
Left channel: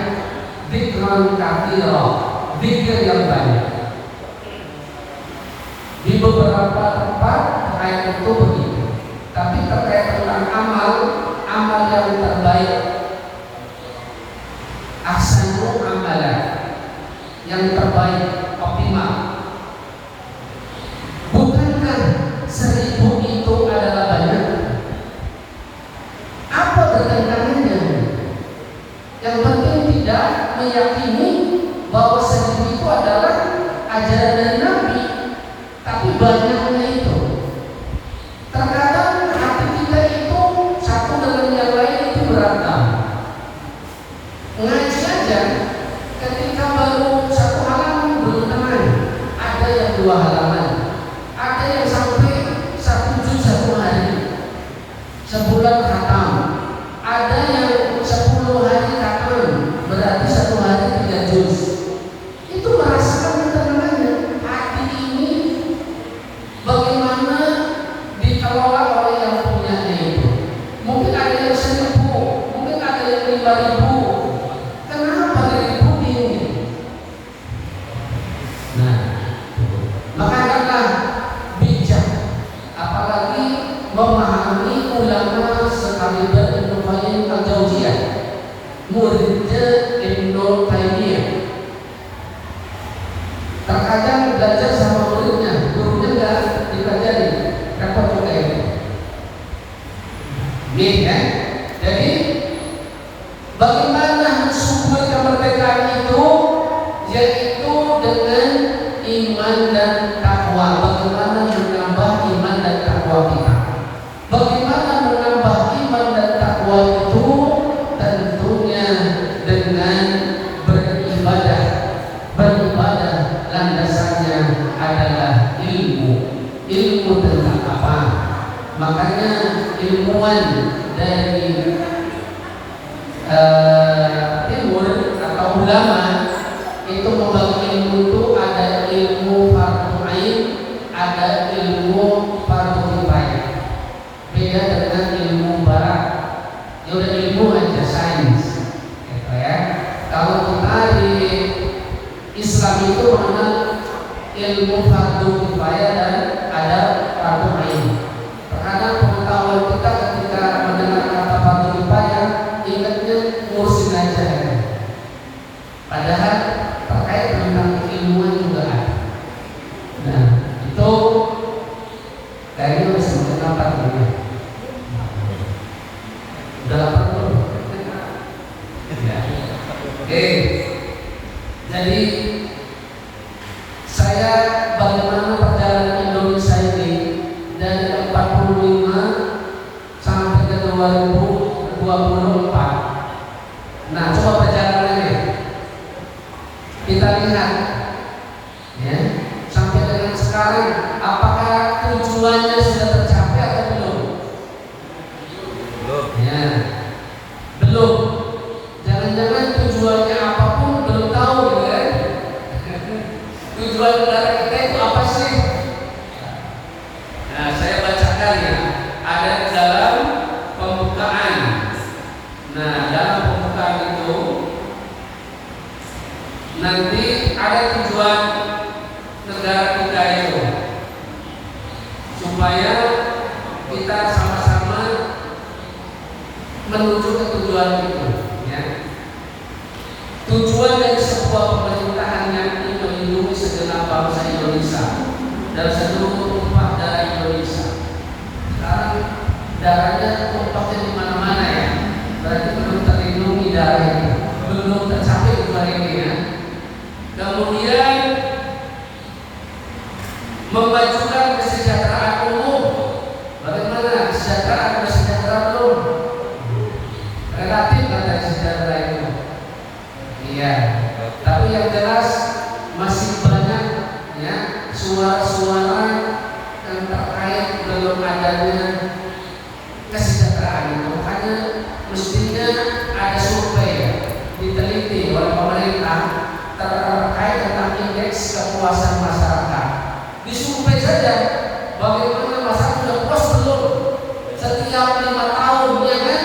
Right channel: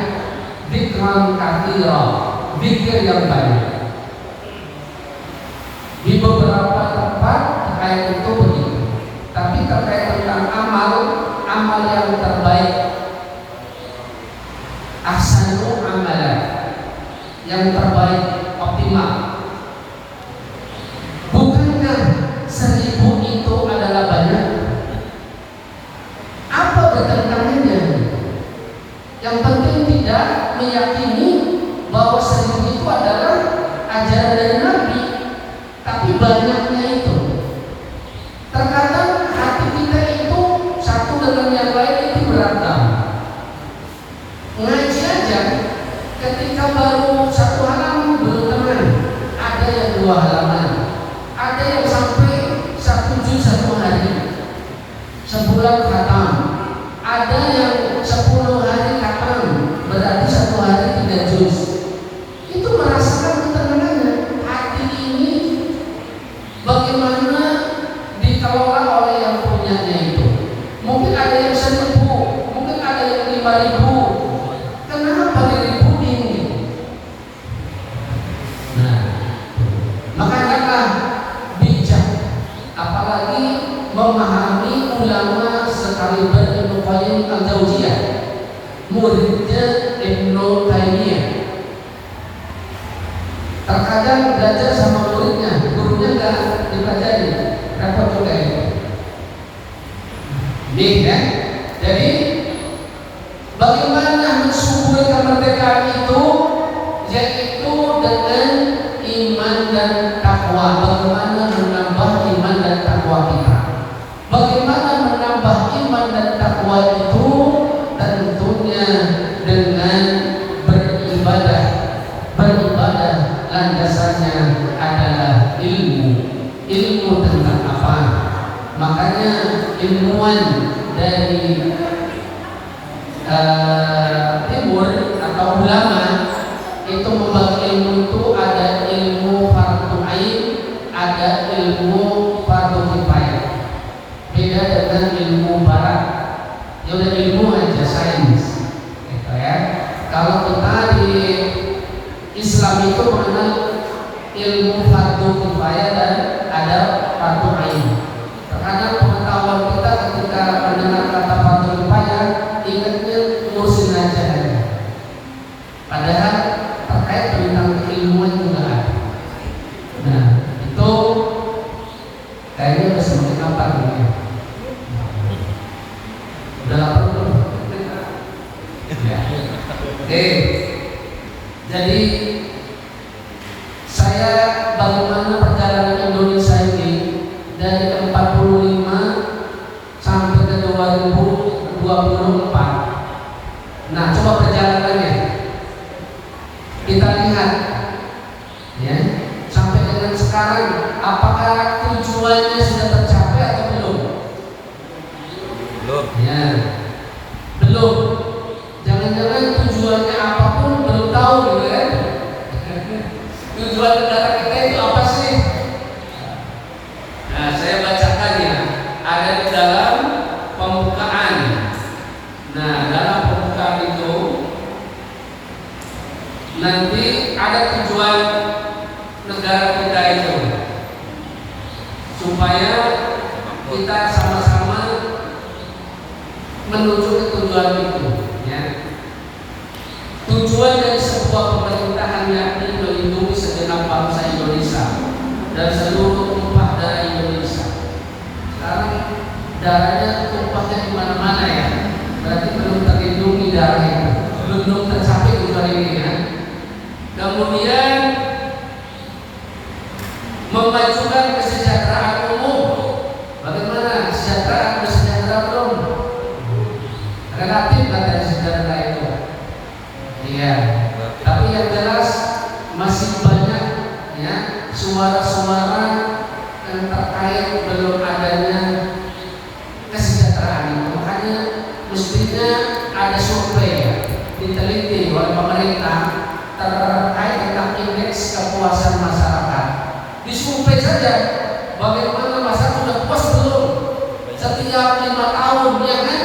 zikran katsira, zikir yang banyak. Di beberapa tempat ayat itu begitu. Tapi terkait tentang amal yang terbaik, ahsanul amalan, yang terbaik, optimal. Bukankah 1000 itu adalah banyak? Apa bertentangannya? Yang penting tidak meyakini bahwa 1000 itu adalah ajaran dari Nabi, tapi banyaknya itu. Terkadang hati kita itu satu dengan yang lain itu berantem. Ngaji aja, ketika baru 1 halaman belum tenang, ada yang 2 halaman, ada yang sampai 1 juz 1 hari, sebulan khatam, ada yang 10 hari khatam, berarti 1 hari 3 juz. Itu merasakan ketenangannya. Hati ini bagaimana dikelola oleh yang punyanya itu. Mungkin ada yang 1000, mungkin ada yang 5000. Kenapa dari bingung? Nah, makanya bijak, apalagi memahami ulama sekaliber Ibnu Qayyim al-Jauziyah, muridnya Ibnu Taimiyah. Terkadang belajar sama muridnya, gurunya nggak dipelajari, repot juga itu. Nih kan? Jadi bagaimana mensyukuri kemerdekaan itu, yaitu dengan iman dan takwa. Bagaimana menambah iman dan takwa kita? Bagaimana menambah iman dan takwa itu? Tentunya dengan beribadah. Beribadah landasannya adalah ilmu. Ilmu tentang apa? Makanya ilmuwan dari timur atau ulama itu membagi ilmu itu ada ilmu fardhu ain, ada ilmu fardhu kifayah. Beda dengan ilmu barat. Ya udah ilmu aja, sains. Gitu ya. Kalau kita di Islam itu mengenal ilmu fardhu kifayah dan ada fardhu ain. Terkadang pengetahuan kita ketika mendengar kata fardhu kifayah ingatnya ngurusin aja. Padahal terkait tentang keilmuan juga ada. Nah, itu kayaknya udah semakin lapar ya. Udah lapar tuh. Ya. Oke. Jadi saya bagaimana perjalanan Kita lihat ya, sampai dengan sekarang apakah tujuannya sudah tercapai atau belum? Belum. Ya, belum. Jangan-jangan tujuannya apapun belum tahu gitu kan? Tujuan negara kita itu apa sih? Nah, saya bacakan ya. Ada di dalam pembukaan. Nah, dalam pembukaan itu nanti ada tujuan negara kita itu supaya kita sama-sama menuju ke tujuan itu ya. Tujuan dari sebuah pemerintahan yakni melindungi segenap bangsa Indonesia dan seluruh tumpah darah Indonesia. Sekarang darahnya tumpahnya di mana-mana ya. Berarti belum terlindungi darah itu, belum tercapai tujuan ini ya. Kemudian memajukan kesejahteraan umum. Bagaimana kesejahteraan sudah sejahtera belum? Relatif katanya sejahtera itu. Iya. Tapi yang jelas masih banyak ya suara-suara yang terkait belum adanya kesejahteraan itu. Hanya mestinya ada survei diteliti oleh pemerintah terkait tentang indeks kepuasan masyarakat. Disurvei saja bagaimana masyarakat sudah puas belum setiap 5 tahun ya kan?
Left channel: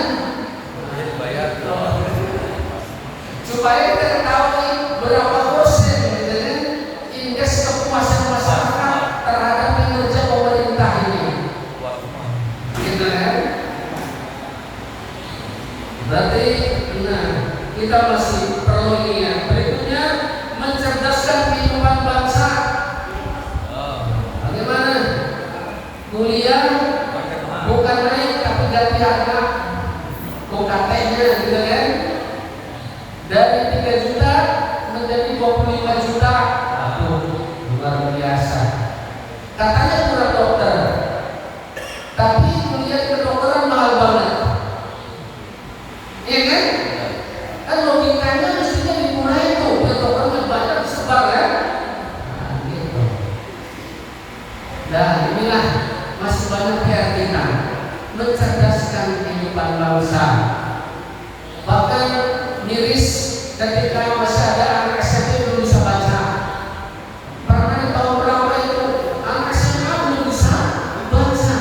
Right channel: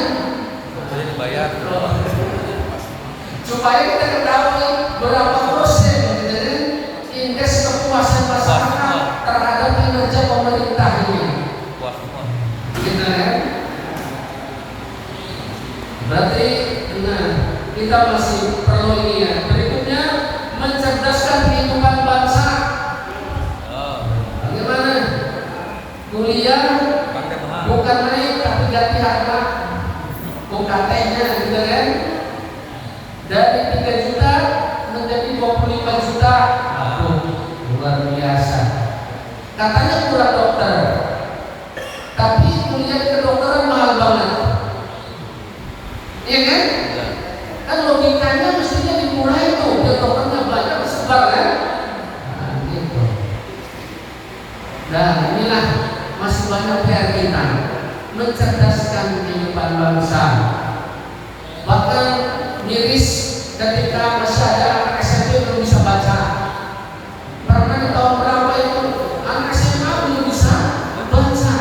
Supaya kita ketahui berapa persen gitu kan, indeks kepuasan masyarakat terhadap kinerja pemerintah ini. Gitu kan? Berarti nah, kita masih perlu ini ya. Berikutnya mencerdaskan kehidupan bangsa. Bagaimana? Kuliah bukan naik tapi ganti harga UKT-nya gitu kan? Dari 3 juta menjadi 25 juta. Aduh, luar biasa. Katanya kurang dokter, tapi kuliah kedokteran mahal banget. Iya kan? Kan logikanya mestinya dimulai tuh, biar dokternya banyak disebar kan? Nah, gitu. Nah, inilah masih banyak PR kita mencerdaskan kehidupan bangsa. Bahkan miris ketika masih ada anak SMP belum bisa baca. Pernah di tahun berapa itu anak SMA belum bisa baca.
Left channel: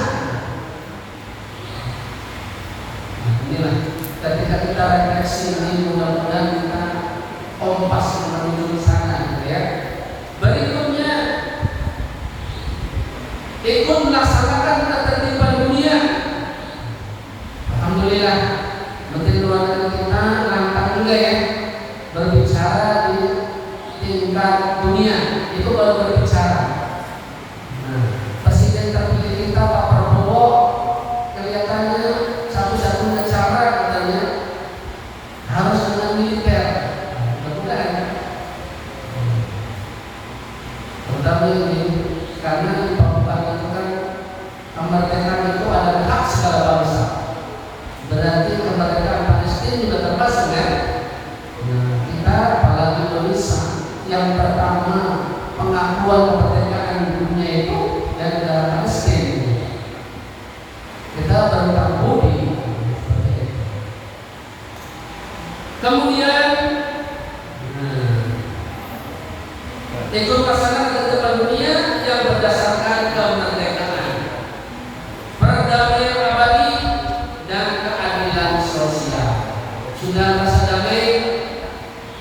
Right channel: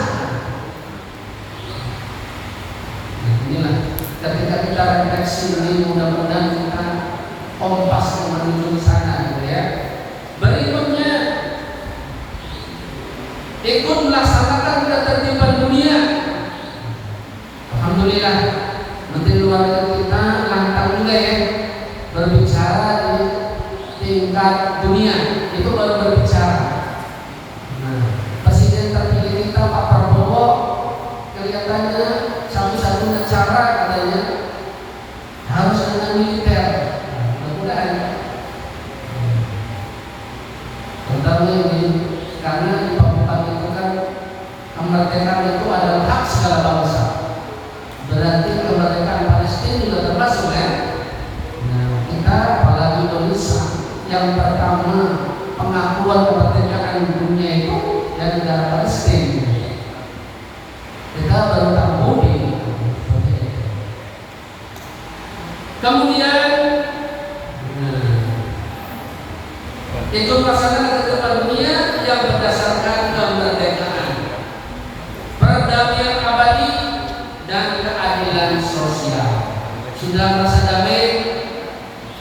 Nah, inilah ketika kita refleksi ini, mudah-mudahan kita kompas menuju ke sana gitu ya. Berikutnya ikut melaksanakan ketertiban dunia. Alhamdulillah Menteri Luar Negeri kita lantang juga ya berbicara di tingkat dunia. Itu baru berbicara. Nah, Presiden terpilih kita Pak Prabowo kelihatannya satu-satunya cara katanya harus dengan militer. Mudah-mudahan. Utamanya ini karena di pembukaan itu kan kemerdekaan itu adalah hak segala bangsa. Berarti kemerdekaan Palestina juga termasuk ya. Nah, kita apalagi Indonesia yang pertama pengakuan kemerdekaan dunia itu dari negara Palestina. Kita berutang budi. Kemudian ikut melaksanakan ketertiban dunia yang berdasarkan kemerdekaan, perdamaian abadi dan keadilan sosial. Sudah merasa damai?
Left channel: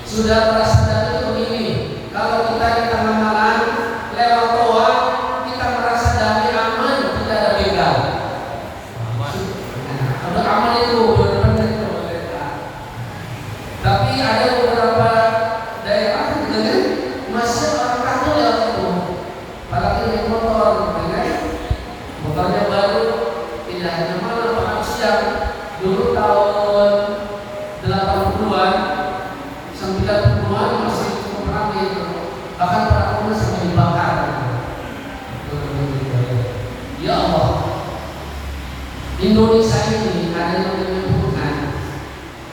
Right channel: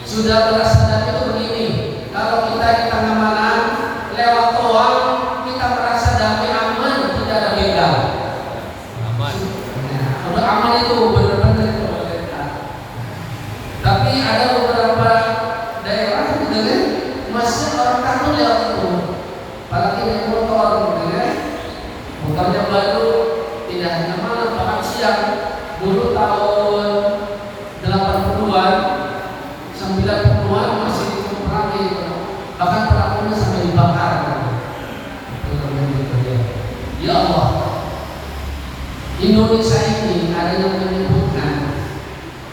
Sudah merasa damai itu begini. Kalau kita di tengah malam lewat toa, kita merasa damai, aman, tidak ada begal. Nah, udah aman itu benar-benar kemerdekaan. Tapi ada beberapa daerah gitu kan, masih orang takut lewat itu. Apalagi naik motor, gitu kan? Motornya baru, tidak hanya malam, bahkan siang. Dulu tahun 80-an, 90-an masih cukup ramai itu. Bahkan pelakunya sampai dibakar. Ya Allah, Indonesia ini ada yang menyebutkan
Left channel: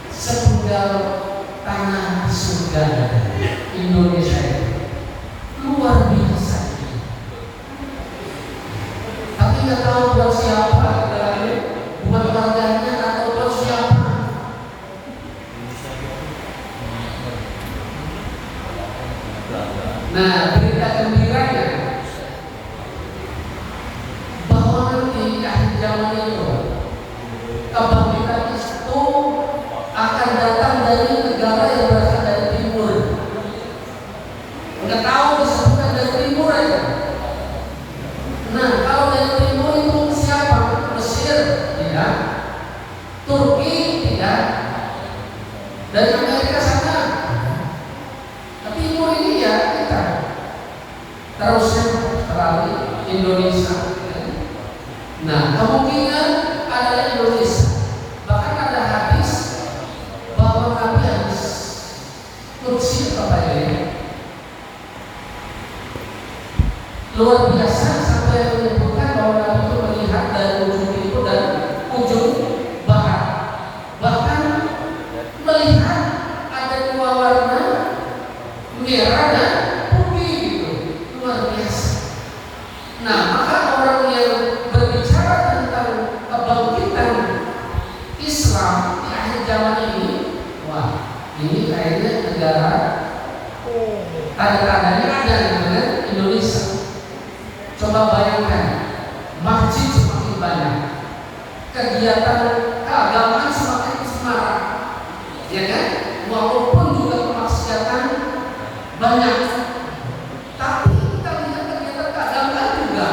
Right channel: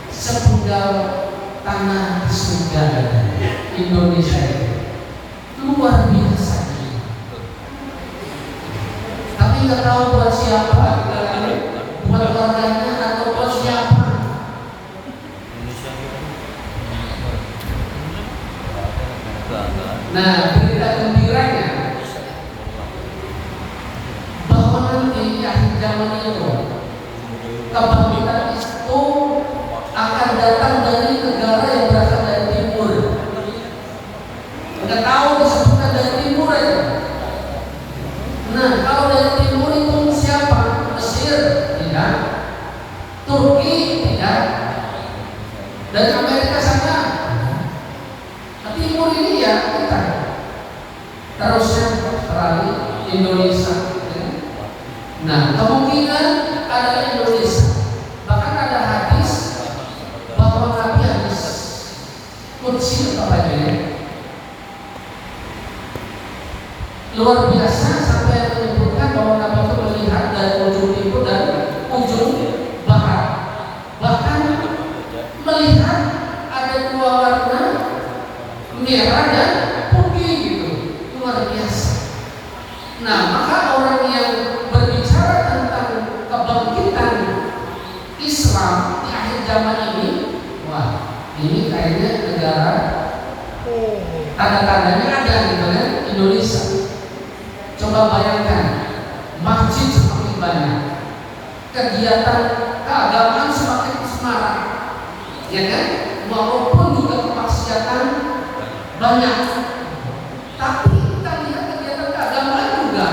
sepenggal tanah di surga. Indonesia Nah, berita gembiranya bahwa nanti di akhir zaman itu kebangkitan itu akan datang dari negara yang berasal dari timur. Nggak tahu disebutkan dari timur aja. Nah, kalau dari timur itu siapa? Mesir? Tidak. Turki? Tidak. Dari Amerika sana? Ke timur ini ya kita. Terusnya Australia, Indonesia. Nah, kemungkinan ada Indonesia. Bahkan ada hadis bahwa Nabi hadis Qudsi apa ini? Luar biasa sampai menyebutkan bahwa Nabi itu melihat dari ujung timur dan ujung barat. Bahkan melihat ada dua warna merah dan putih gitu. Luar biasa. Nah, maka orang yang berbicara tentang kebangkitan Islam di akhir zaman ini, wah, ini kayaknya negara tanda-tandanya ada dengan Indonesia. Coba bayangkan, masjid semakin banyak, kegiatan keagamaan semakin semarak, ya kan? Walaupun juga kemaksiatan banyak, tapi kita lihat kegiatan keagamaan juga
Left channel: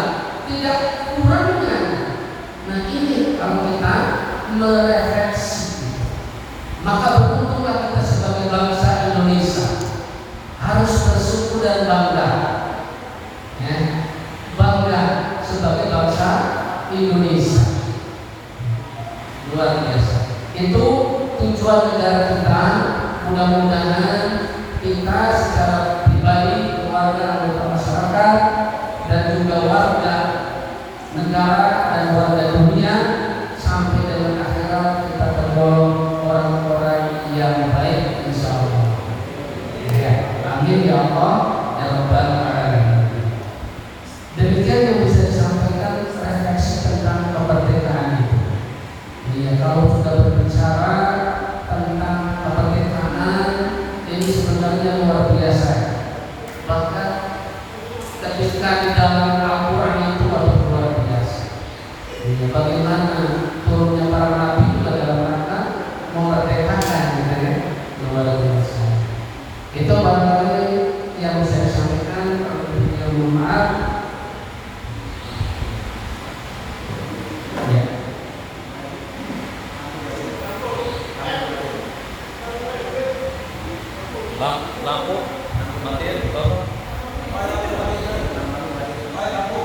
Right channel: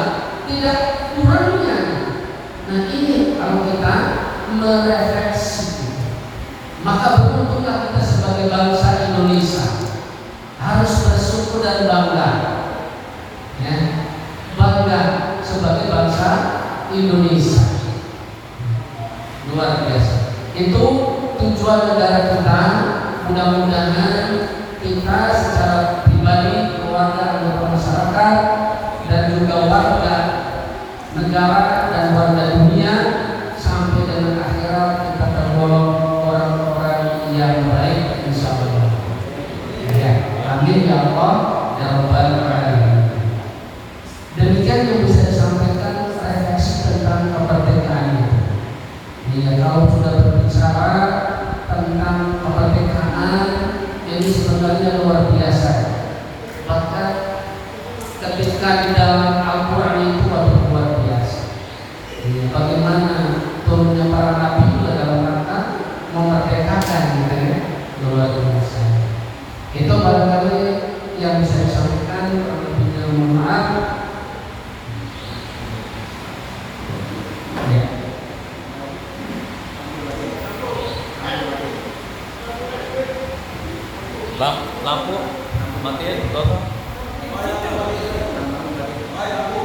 tidak kurangnya. Nah, ini kalau kita merefleksi, maka beruntunglah kita sebagai bangsa Indonesia harus bersyukur dan bangga, ya, bangga sebagai bangsa Indonesia. Luar biasa. Itu tujuan negara kita. Mudah-mudahan kita secara pribadi, keluarga, anggota masyarakat, dan juga warga negara dan warga dunia sampai dengan akhirat kita tergolong orang-orang yang baik, insya Allah. Ya, amin ya Allah ya Rabbal alamin. Demikian yang bisa disampaikan refleksi tentang kemerdekaan itu. Ya, kalau sudah berbicara tentang kemerdekaan ini sebenarnya luar biasa. Bahkan ketika di dalam Al-Quran itu luar biasa. Ya, bagaimana turunnya para nabi juga dalam rangka memerdekakan, gitu ya, luar biasa. Itu barangkali yang bisa disampaikan. Terlebihnya mohon maaf. Ya. Lampu matiin, Bapak. Lampu.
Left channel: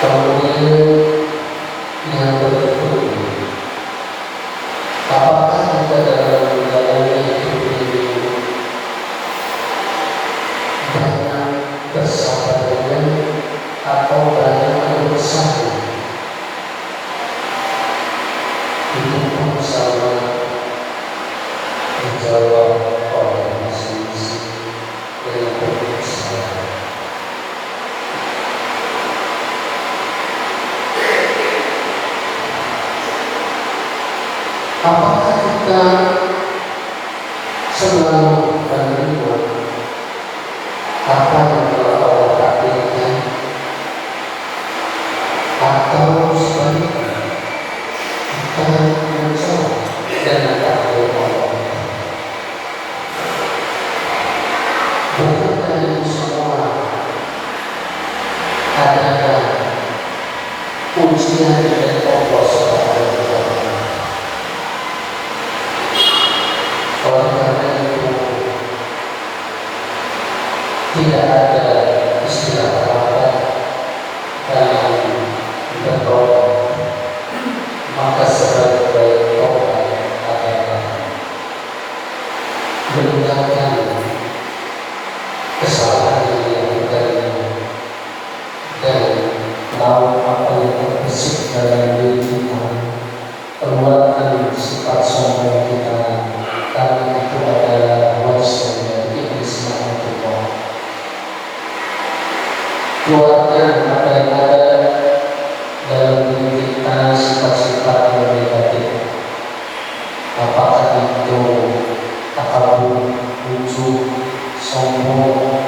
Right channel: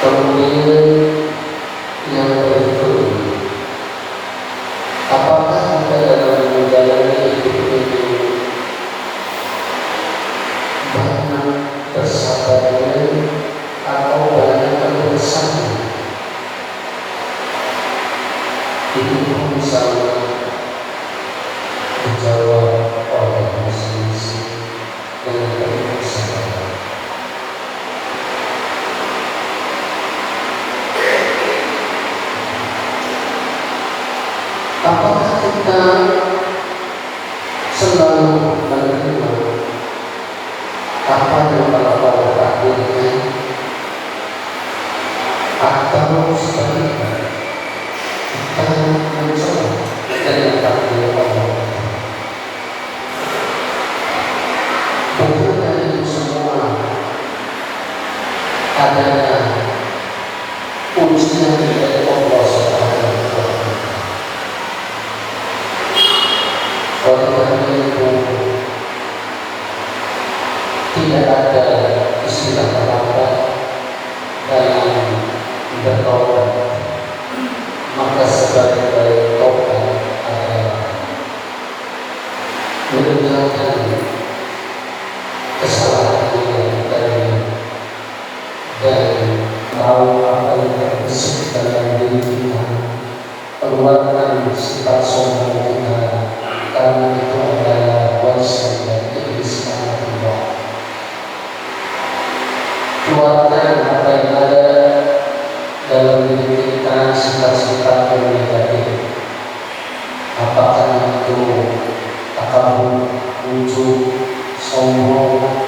Kemudian yang berikut, apakah ada dalam budaya itu banyak bersabarnya atau banyak bersama? Itu sama menjawab oleh masing-masing dengan bersabar. atau sebaliknya kita mencoba dengan takdir Allah. Bukan dari semua adalah ujian dari Allah Subhanahu wa Ta'ala. Oleh karena itu tidak ada istilah kata dalam bertobat, maka sebagai tobat adalah meninggalkan kesalahan yang tadi dan tahu apa yang terbesit dalam diri kita, keluarkan sifat sombong kita, karena itu adalah warisan dari iblis Allah. Keluarkan apa yang ada dalam diri kita, sifat-sifat yang negatif, apakah itu takabur, ujub, sombong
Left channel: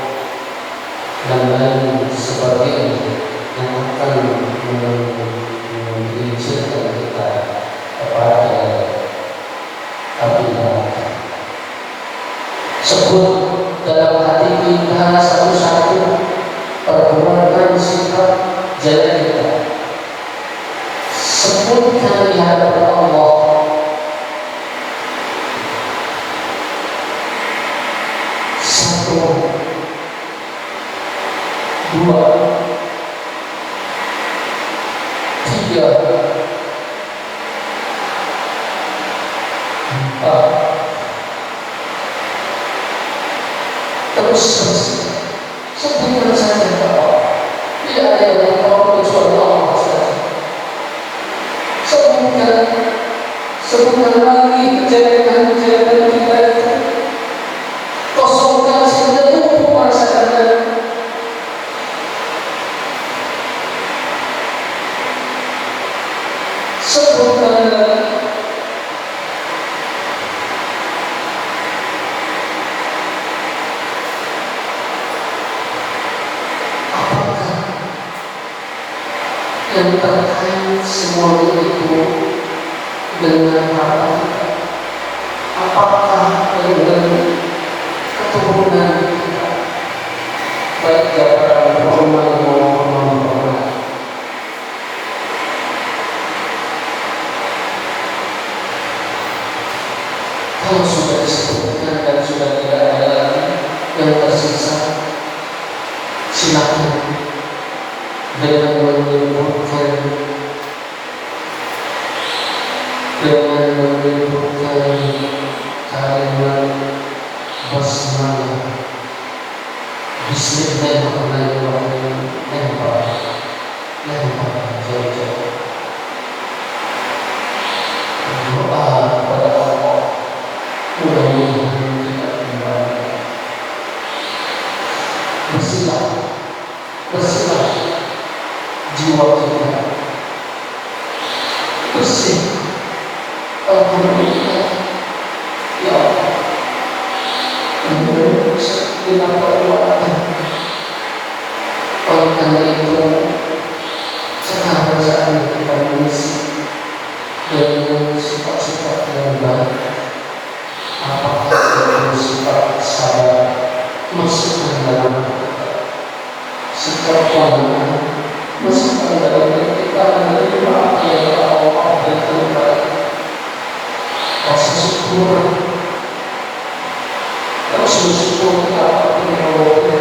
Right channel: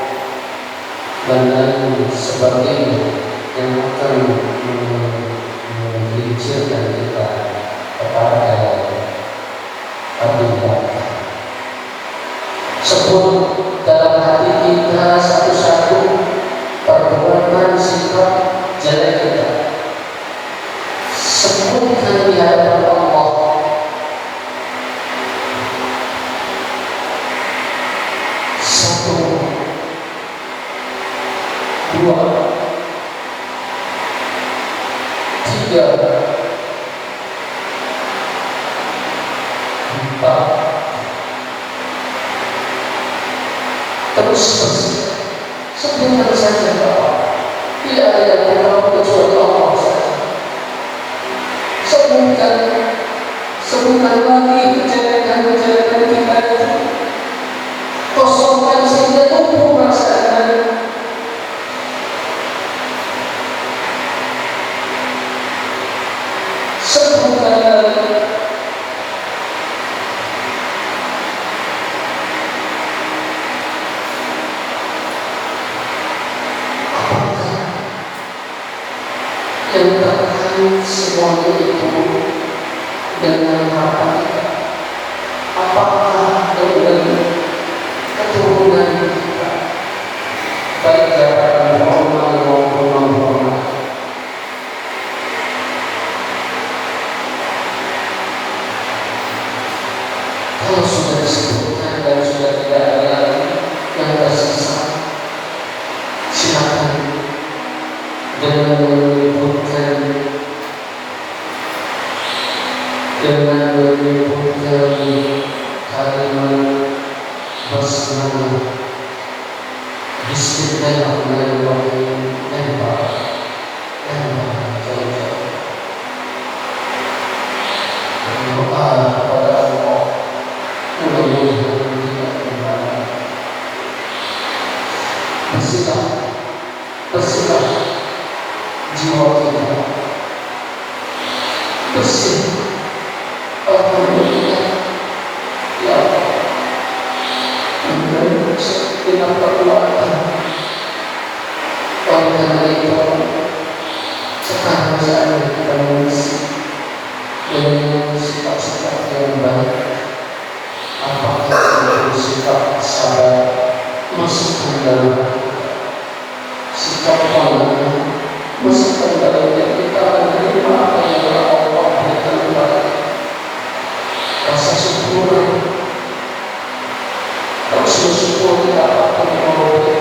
dan lain sebagainya yang akan menghijrkan kita kepada api neraka. Sebut dalam hati kita satu-satu perbuatan sikap jalan kita. Sebutkan di hadapan Allah. Satu, dua, tiga, empat, terus sebutkan saja bahwa tidak ada yang tahu kecuali Allah saja. Sebutkan lagi kejadian-kejadian kita itu, kosongkan sehingga tubuh rasanya. Sebutkan lagi. Apakah yang terkait semuanya itu dengan apa kita? Apakah dengan keturunan kita, baik jabatan formal maupun non formal? Kalau sudah disebutkan dan sudah tidak ada lagi yang tersisa, silakan dengan menyebutkan kalimat basmalah, Bismillahirrahmanirrahim, berdoa kepada Allah, mudah-mudahan tidak kembali. Bersihlah jiwa kita, bersih. Alhamdulillah, ya Allah, dengan perbuatan. Oleh karena itu, sekarang saatnya kita mengisi dengan sifat-sifat yang baik. Apakah itu sifat sabar, masukkan dalam kita. Sikap pemahaman, masukkan dalam kita menerima apa yang Allah berikan kepada kita. Rasa syukur, kita apapun yang Allah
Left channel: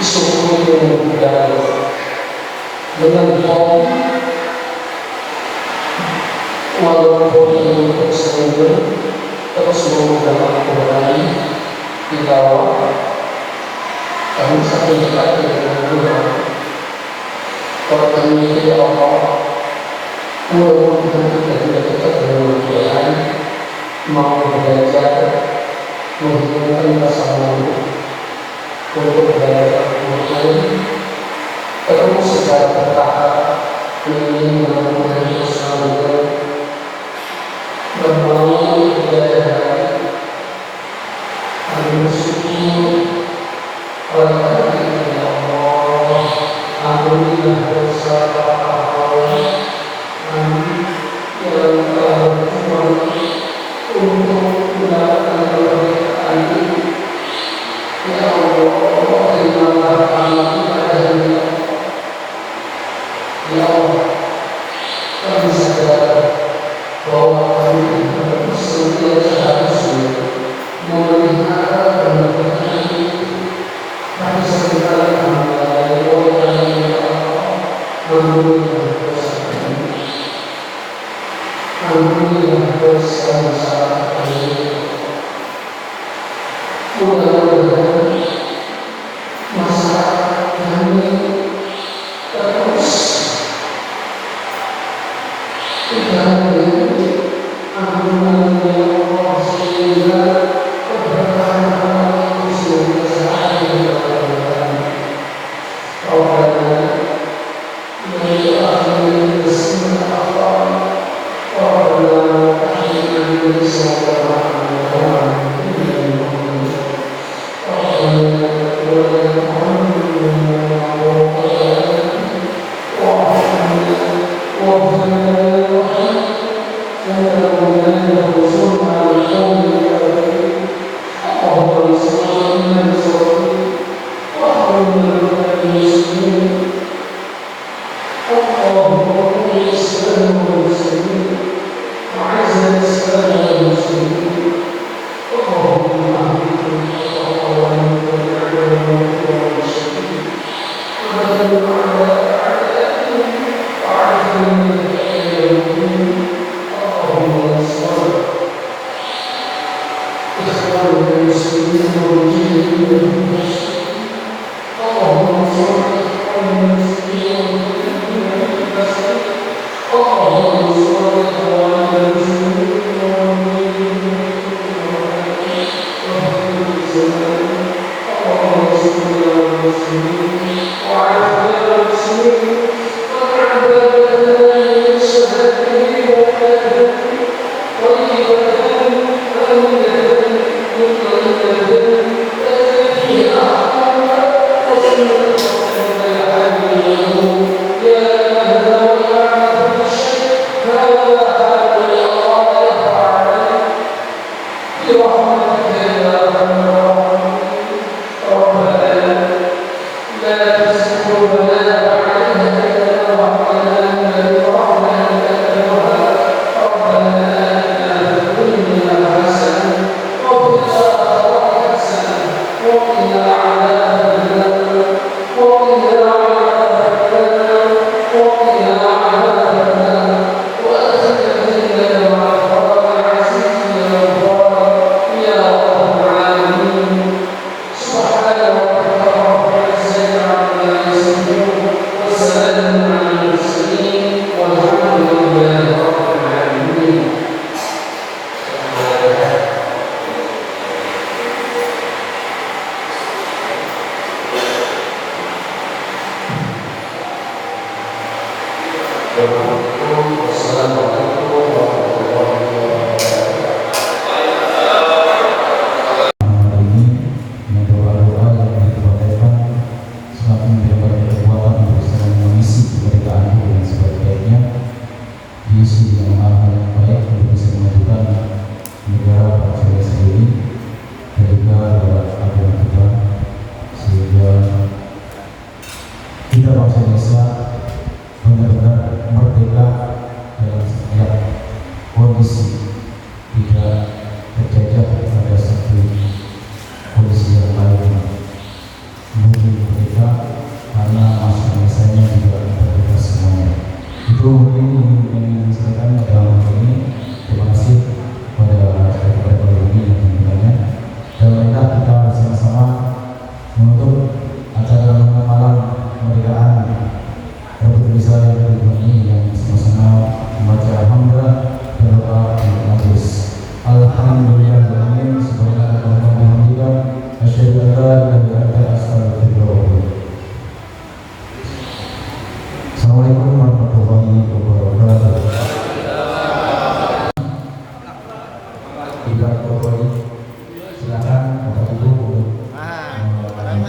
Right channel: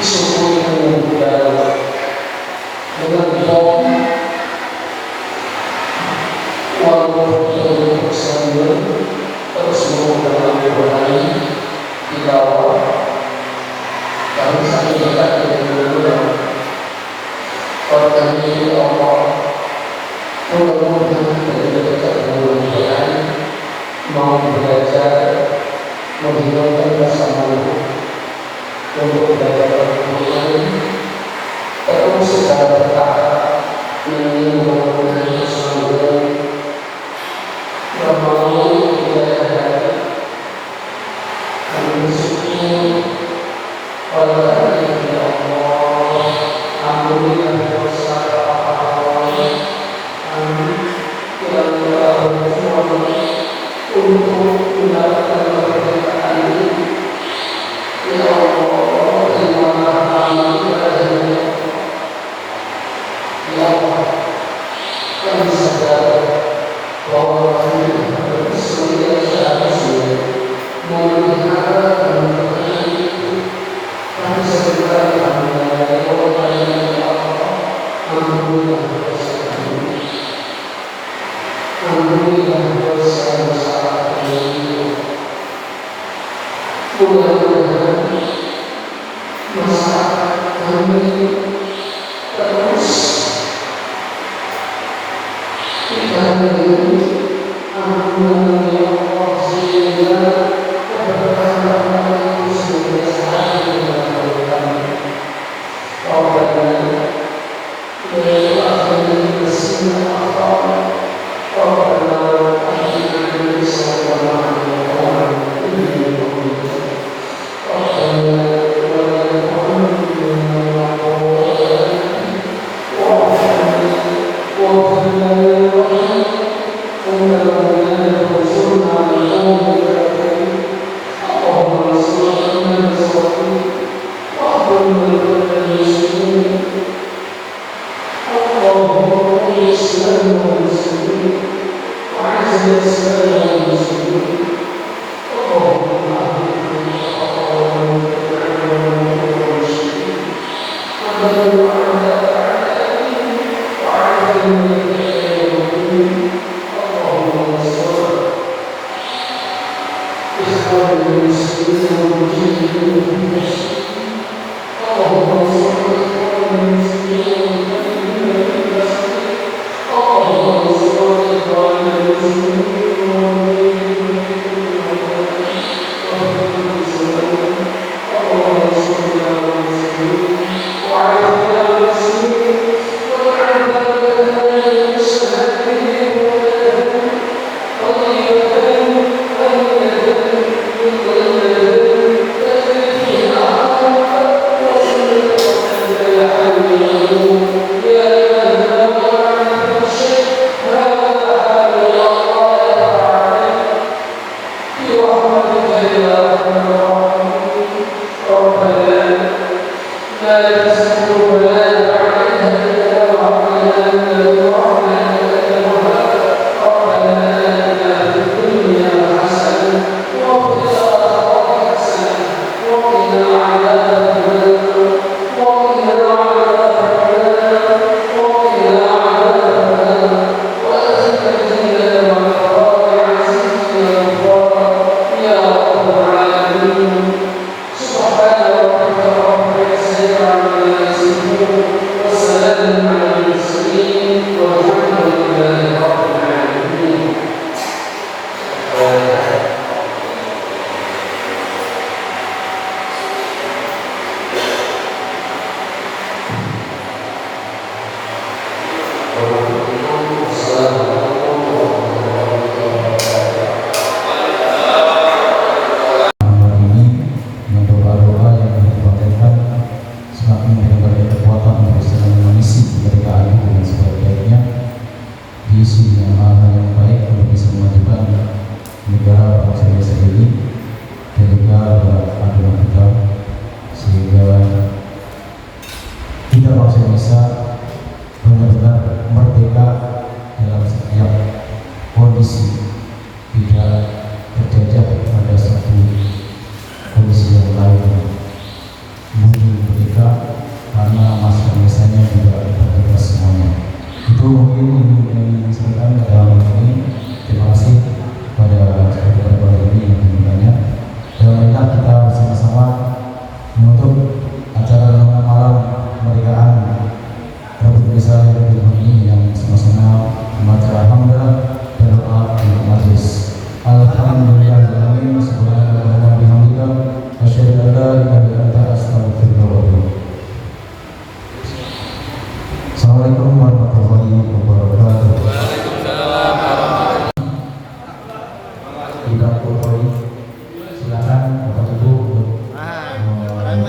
disyukuri kemudian dengan bom walaupun untuk sendiri terus menggunakan kembali di bawah kami satu dekat dengan Tuhan. Waktu ini Allah mudah-mudahan kita dekat dengan Tuhan, mau belajar menghidupkan bersama untuk belajar Tuhan terus secara bertahap ingin mengenai semuanya yang mau belajar kami bersyukur oleh hari ini Allah ampunilah dosa kami yang telah untuk mendapatkan kemerdekaan ini. Ya Allah, terimalah kami pada hari ini. Ya Allah, kami sadar bahwa kami harus seharusnya memelihara kemerdekaan itu. Tapi sebenarnya kami melayani orang yang Allah, ampunilah dosa kami. Ampunilah dosa salah kami. Mudah-mudahan masyarakat kami terus diberi ampunan ya Allah sehingga keberkahan sehingga sehari kepada Rabbana yaitu akhirnya bersihkan akal Rabbana akhirnya bersihkan akal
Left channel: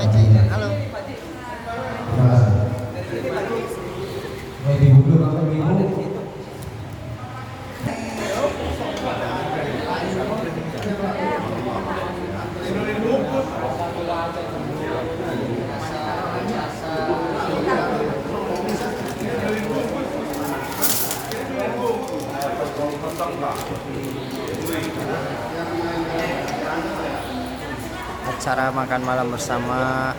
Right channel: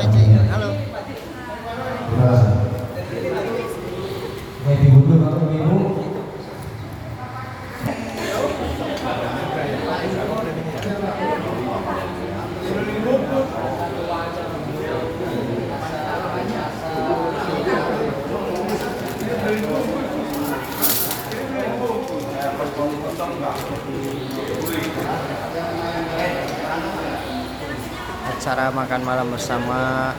aja ya. Halo. Terima kasih. Ibu dulu atau ibu? Acara makan malam bersama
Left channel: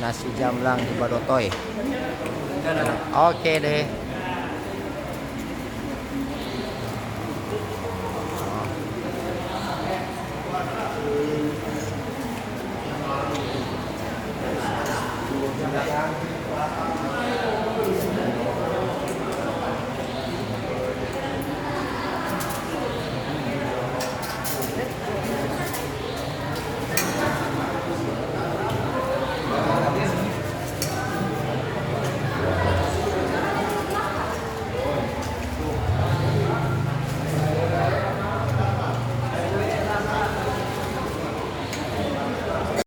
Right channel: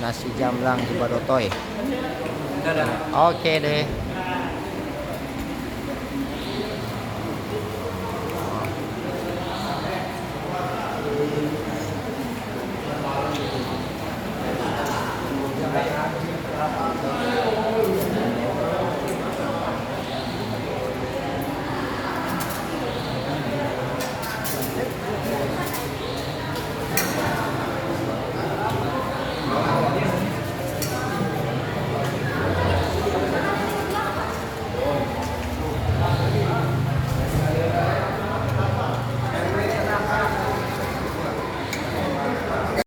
nasi jamblang di Badotoy. Oke deh.